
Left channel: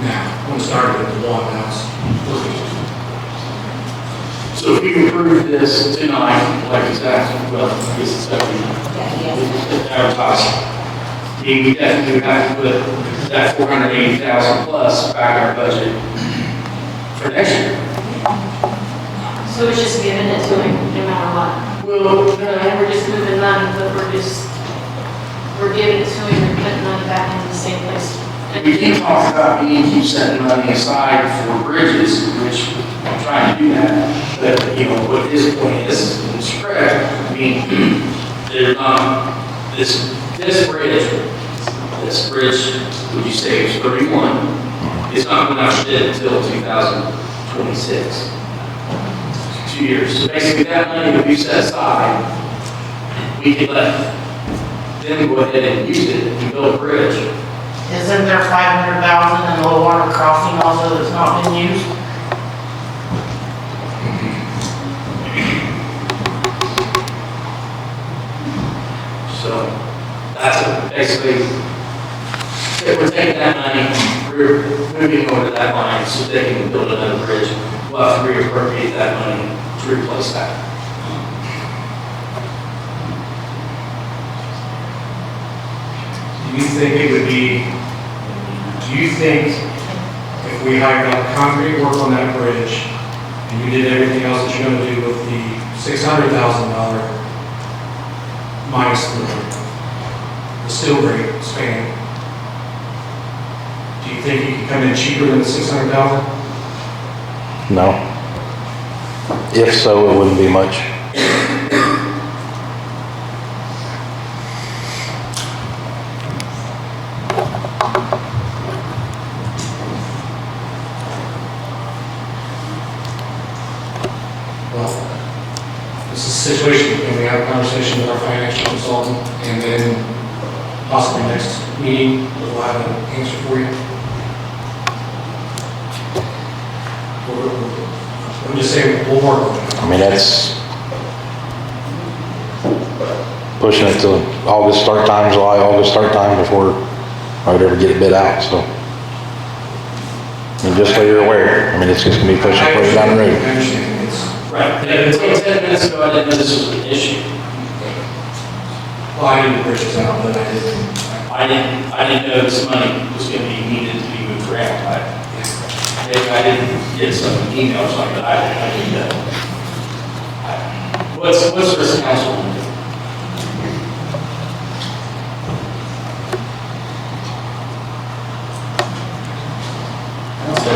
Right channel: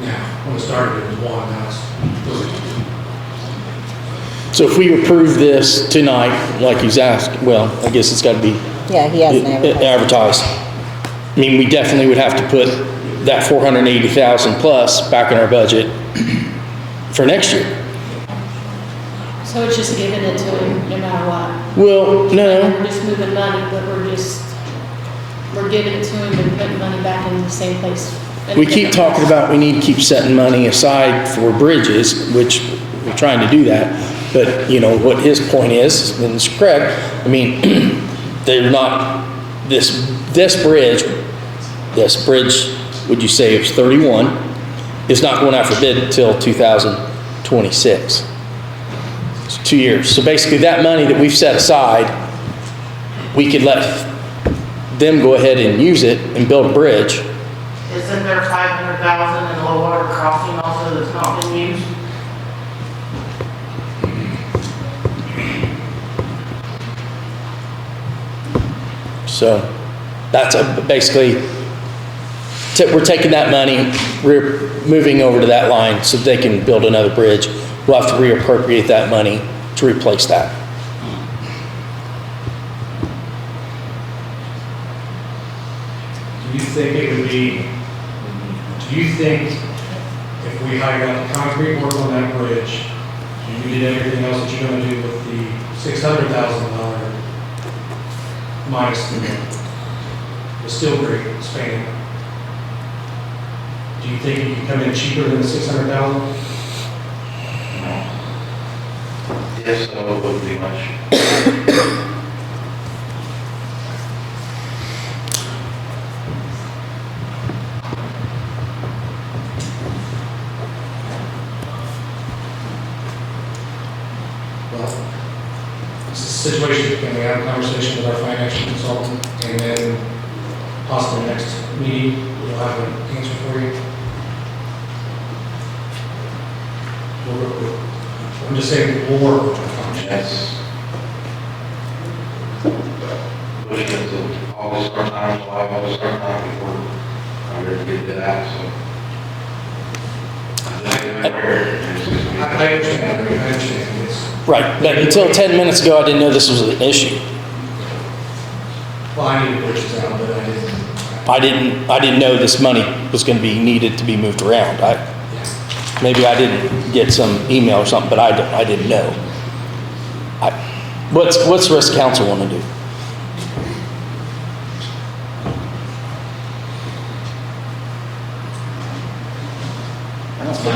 Now, when it started with one, now it's three. So if we approve this tonight, like he's asked, well, I guess it's got to be Yeah, he has advertised. I mean, we definitely would have to put that 480,000 plus back in our budget for next year. So it's just giving it to him, no matter what. Well, And no, we're just moving money, but we're giving it to him and putting money back in the same place. we keep talking about we need to keep setting money aside for bridges, which we're trying to do that. But, you know, what his point is, and it's correct, I mean, they're not, this bridge, would you say it's 31, is not going out for bid until 2026. It's 2 years. So basically that money that we've set aside, we could let them go ahead and use it and build a bridge. Isn't there 500,000 in the low water crossing also that's not been used? So that's basically, we're taking that money, we're moving over to that line so they can build another bridge. We'll have to reappropriate that money to replace that. Do you think it would be, do you think if we hired out concrete work on that bridge, and you did everything else that you're gonna do with the $600,000 minus the steel grate span, do you think it could come in cheaper than the $600,000? No. If so, it wouldn't be much. Well, this is a situation, can we have a conversation with our financial consultant, and then possibly next meeting, we'll have an answer for you? I'm just saying, we'll work on it. I mean, that's pushing it to August start time, July, August start time before I would ever get it bid out, so. And just so you're aware, I mean, it's just gonna be pushing further down the road. I understand, it's, Right, and until 10 minutes ago, I didn't know this was an issue. well, I didn't push it out, but I did. I didn't know this money was gonna be needed to be moved around. Maybe I didn't get some email or something, but I didn't know. What's the rest of council want to do?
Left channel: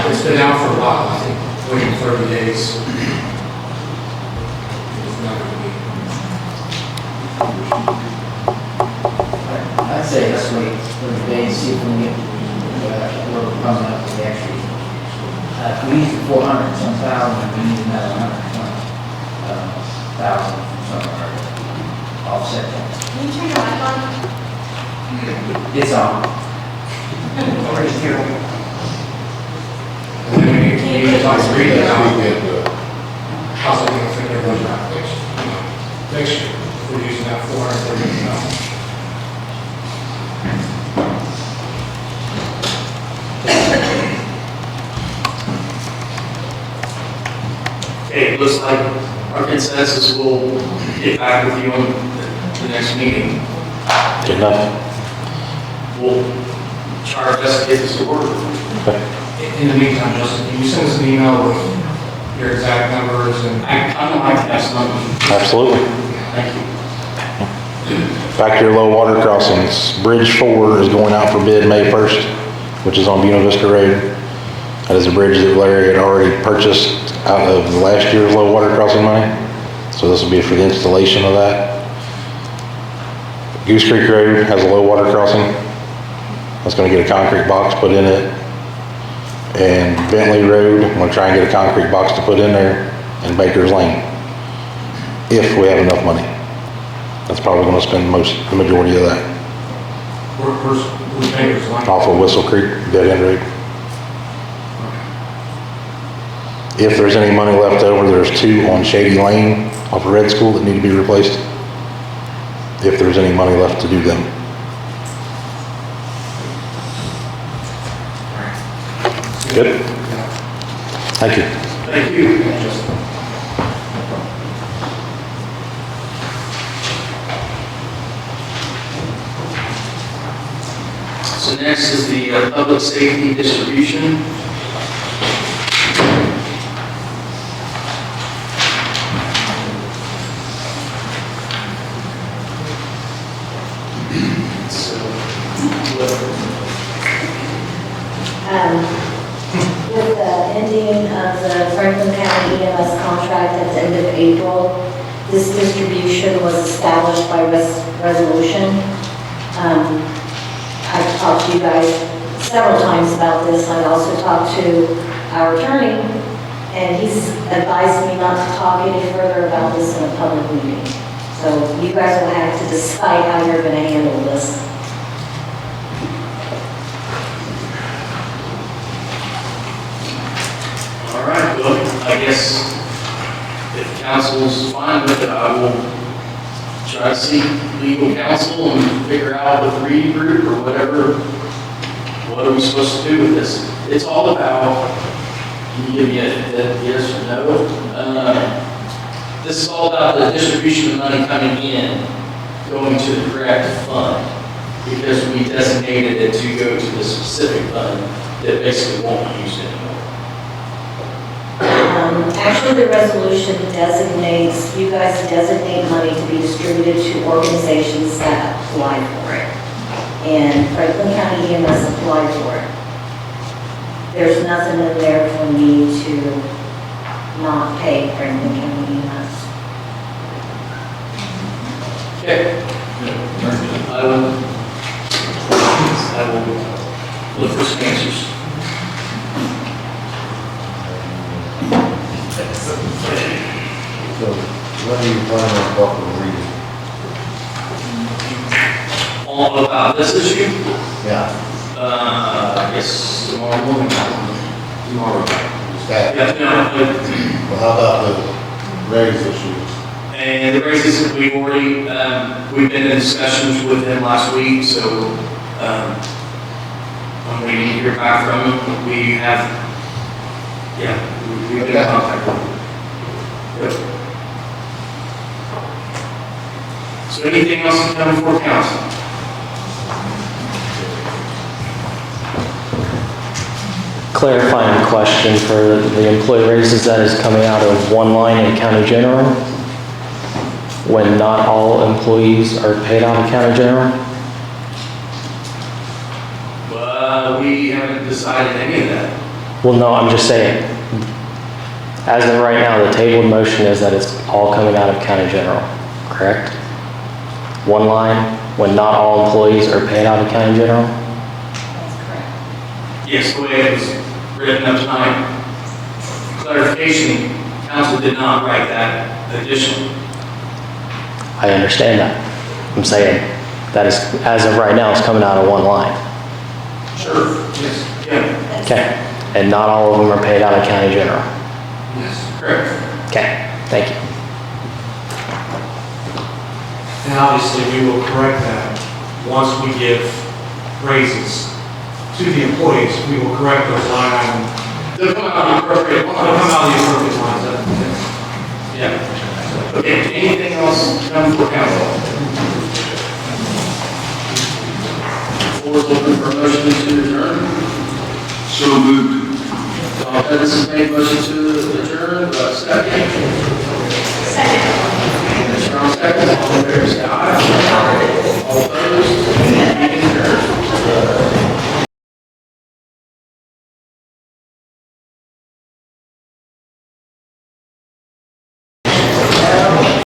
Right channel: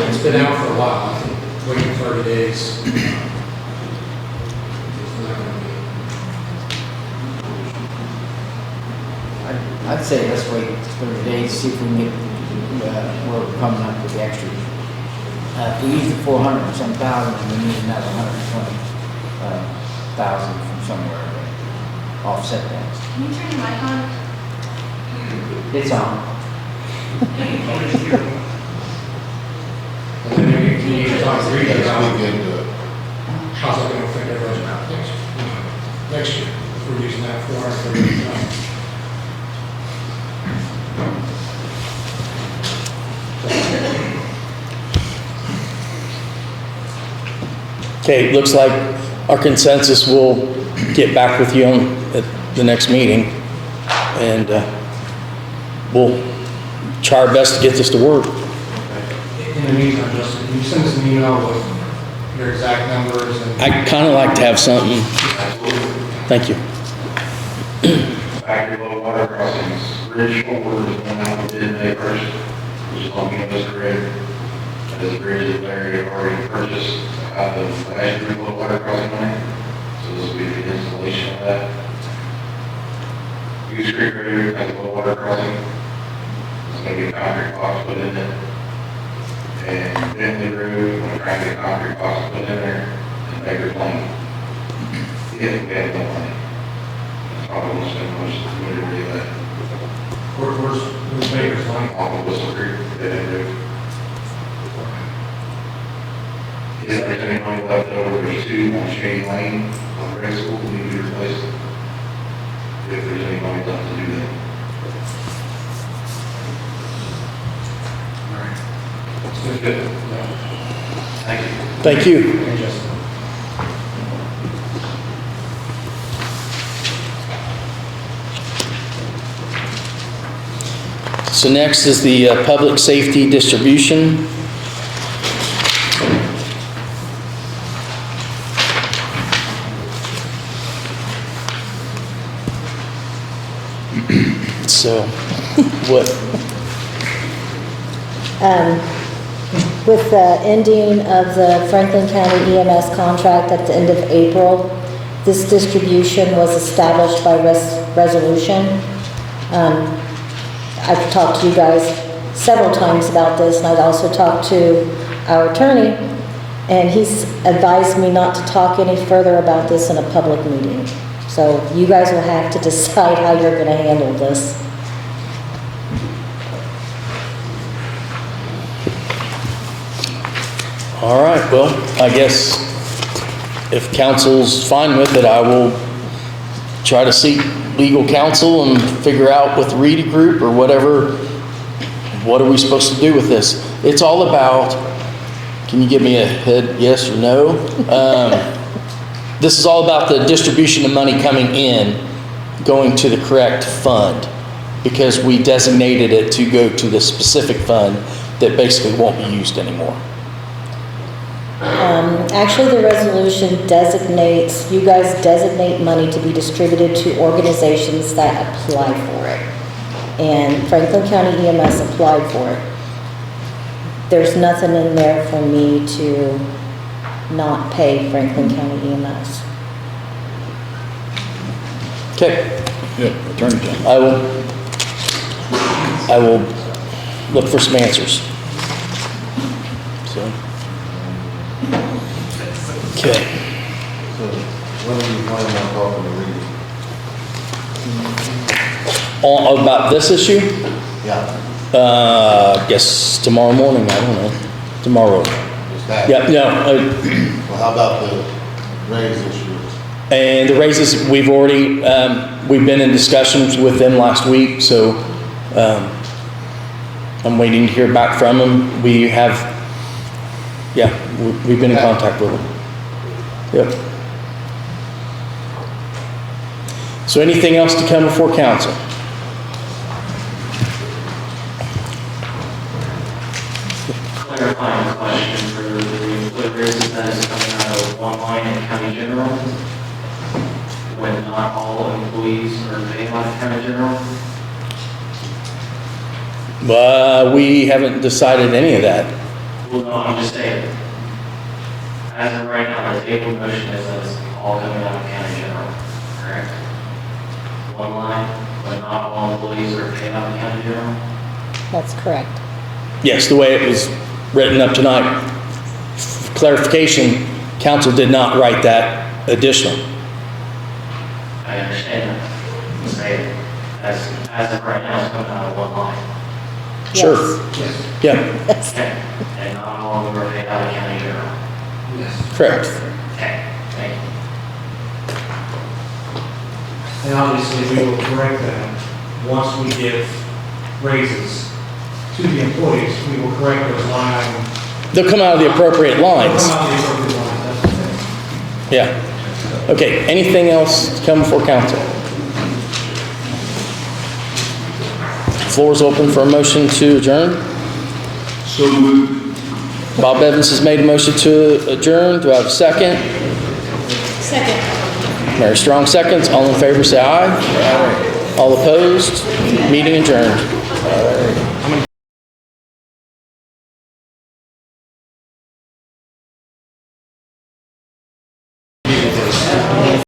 It's been out for a while, I think, waiting 30 days. It's not gonna be- I'd say let's wait 30 days, see if we can get, what comes out with the actual. If we use the 400 some thousand, we need another 120,000 from somewhere to offset that. Can you turn your light on? It's on. And then we need to talk to Reedy about how's that gonna fit everyone out next year. If we're using that 430,000. Okay, it looks like our consensus will get back with you on at the next meeting. And we'll try our best to get this to work. In the meantime, Justin, can you send us an email with your exact numbers and? I'd kind of like to have something. Absolutely. Thank you. Back to your low water crossings. Bridge 4 is going out for bid May 1st, which is on Buena Vista Road. That is a bridge that Larry had already purchased out of last year's low water crossing money. So this will be for the installation of that. Goose Creek Road has a low water crossing. That's going to get a concrete box put in it. And Bentley Road, I'm going to try and get a concrete box to put in there, and Baker's Lane, if we have enough money. That's probably going to spend the majority of that. Where's Baker's Lane? Off of Whistle Creek, dead end road. If there's any money left over, there's 2 on Shady Lane off of Red School that need to be replaced. If there's any money left to do them. Good? Thank you. Thank you. So next is the public safety distribution. So, what? With the ending of the Franklin County EMS contract at the end of April, this distribution was established by resolution. I've talked to you guys several times about this. I've also talked to our attorney, and he's advised me not to talk any further about this in a public meeting. So you guys will have to decide how you're going to handle this. All right, well, I guess if council's fine with it, I will try to seek legal counsel and figure out with the Reedy group or whatever, what are we supposed to do with this? It's all about, can you give me a head yes or no? This is all about the distribution of money coming in, going to the correct fund, because we designated it to go to the specific fund that basically won't be used anymore. Actually, the resolution designates, you guys designate money to be distributed to organizations that apply for it. And Franklin County EMS applied for it. There's nothing in there for me to not pay Franklin County EMS. Okay. I will look for some answers. Okay. So, when are you planning on talking to Reedy? About this issue? Yeah. Yes, tomorrow morning, I don't know. Tomorrow. Yeah, no. Well, how about the raise issues? And the raises, we've already, we've been in discussions with them last week, so I'm waiting to hear back from them. We have, we've been in contact with them. Yep. So anything else to come before council? Clarifying the question, motion for the employee raises that is coming out of one line in county general, when not all employees are paid out of county general? We haven't decided any of that. Well, no, I'm just saying, as of right now, the tabled motion is that it's all coming out of county general, correct? One line, when not all employees are paid out of county general? That's correct. Yes, the way it was written up tonight. Clarification, council did not write that additional. I understand that. I'm saying that is, as of right now, it's coming out of one line. Sure. Yeah. Okay. And not all of them are paid out of county general. Correct. Okay, thank you. And obviously, we will correct that once we give raises to the employees. We will correct those line items. They'll come out of the appropriate They'll lines. come out of the appropriate lines. Yeah. Okay, anything else come before council? The floor is open for a motion to adjourn. So moved. Bob Evans has made a motion to adjourn. Do I have a second? Second. Mary Strong seconds. All in favor, say aye.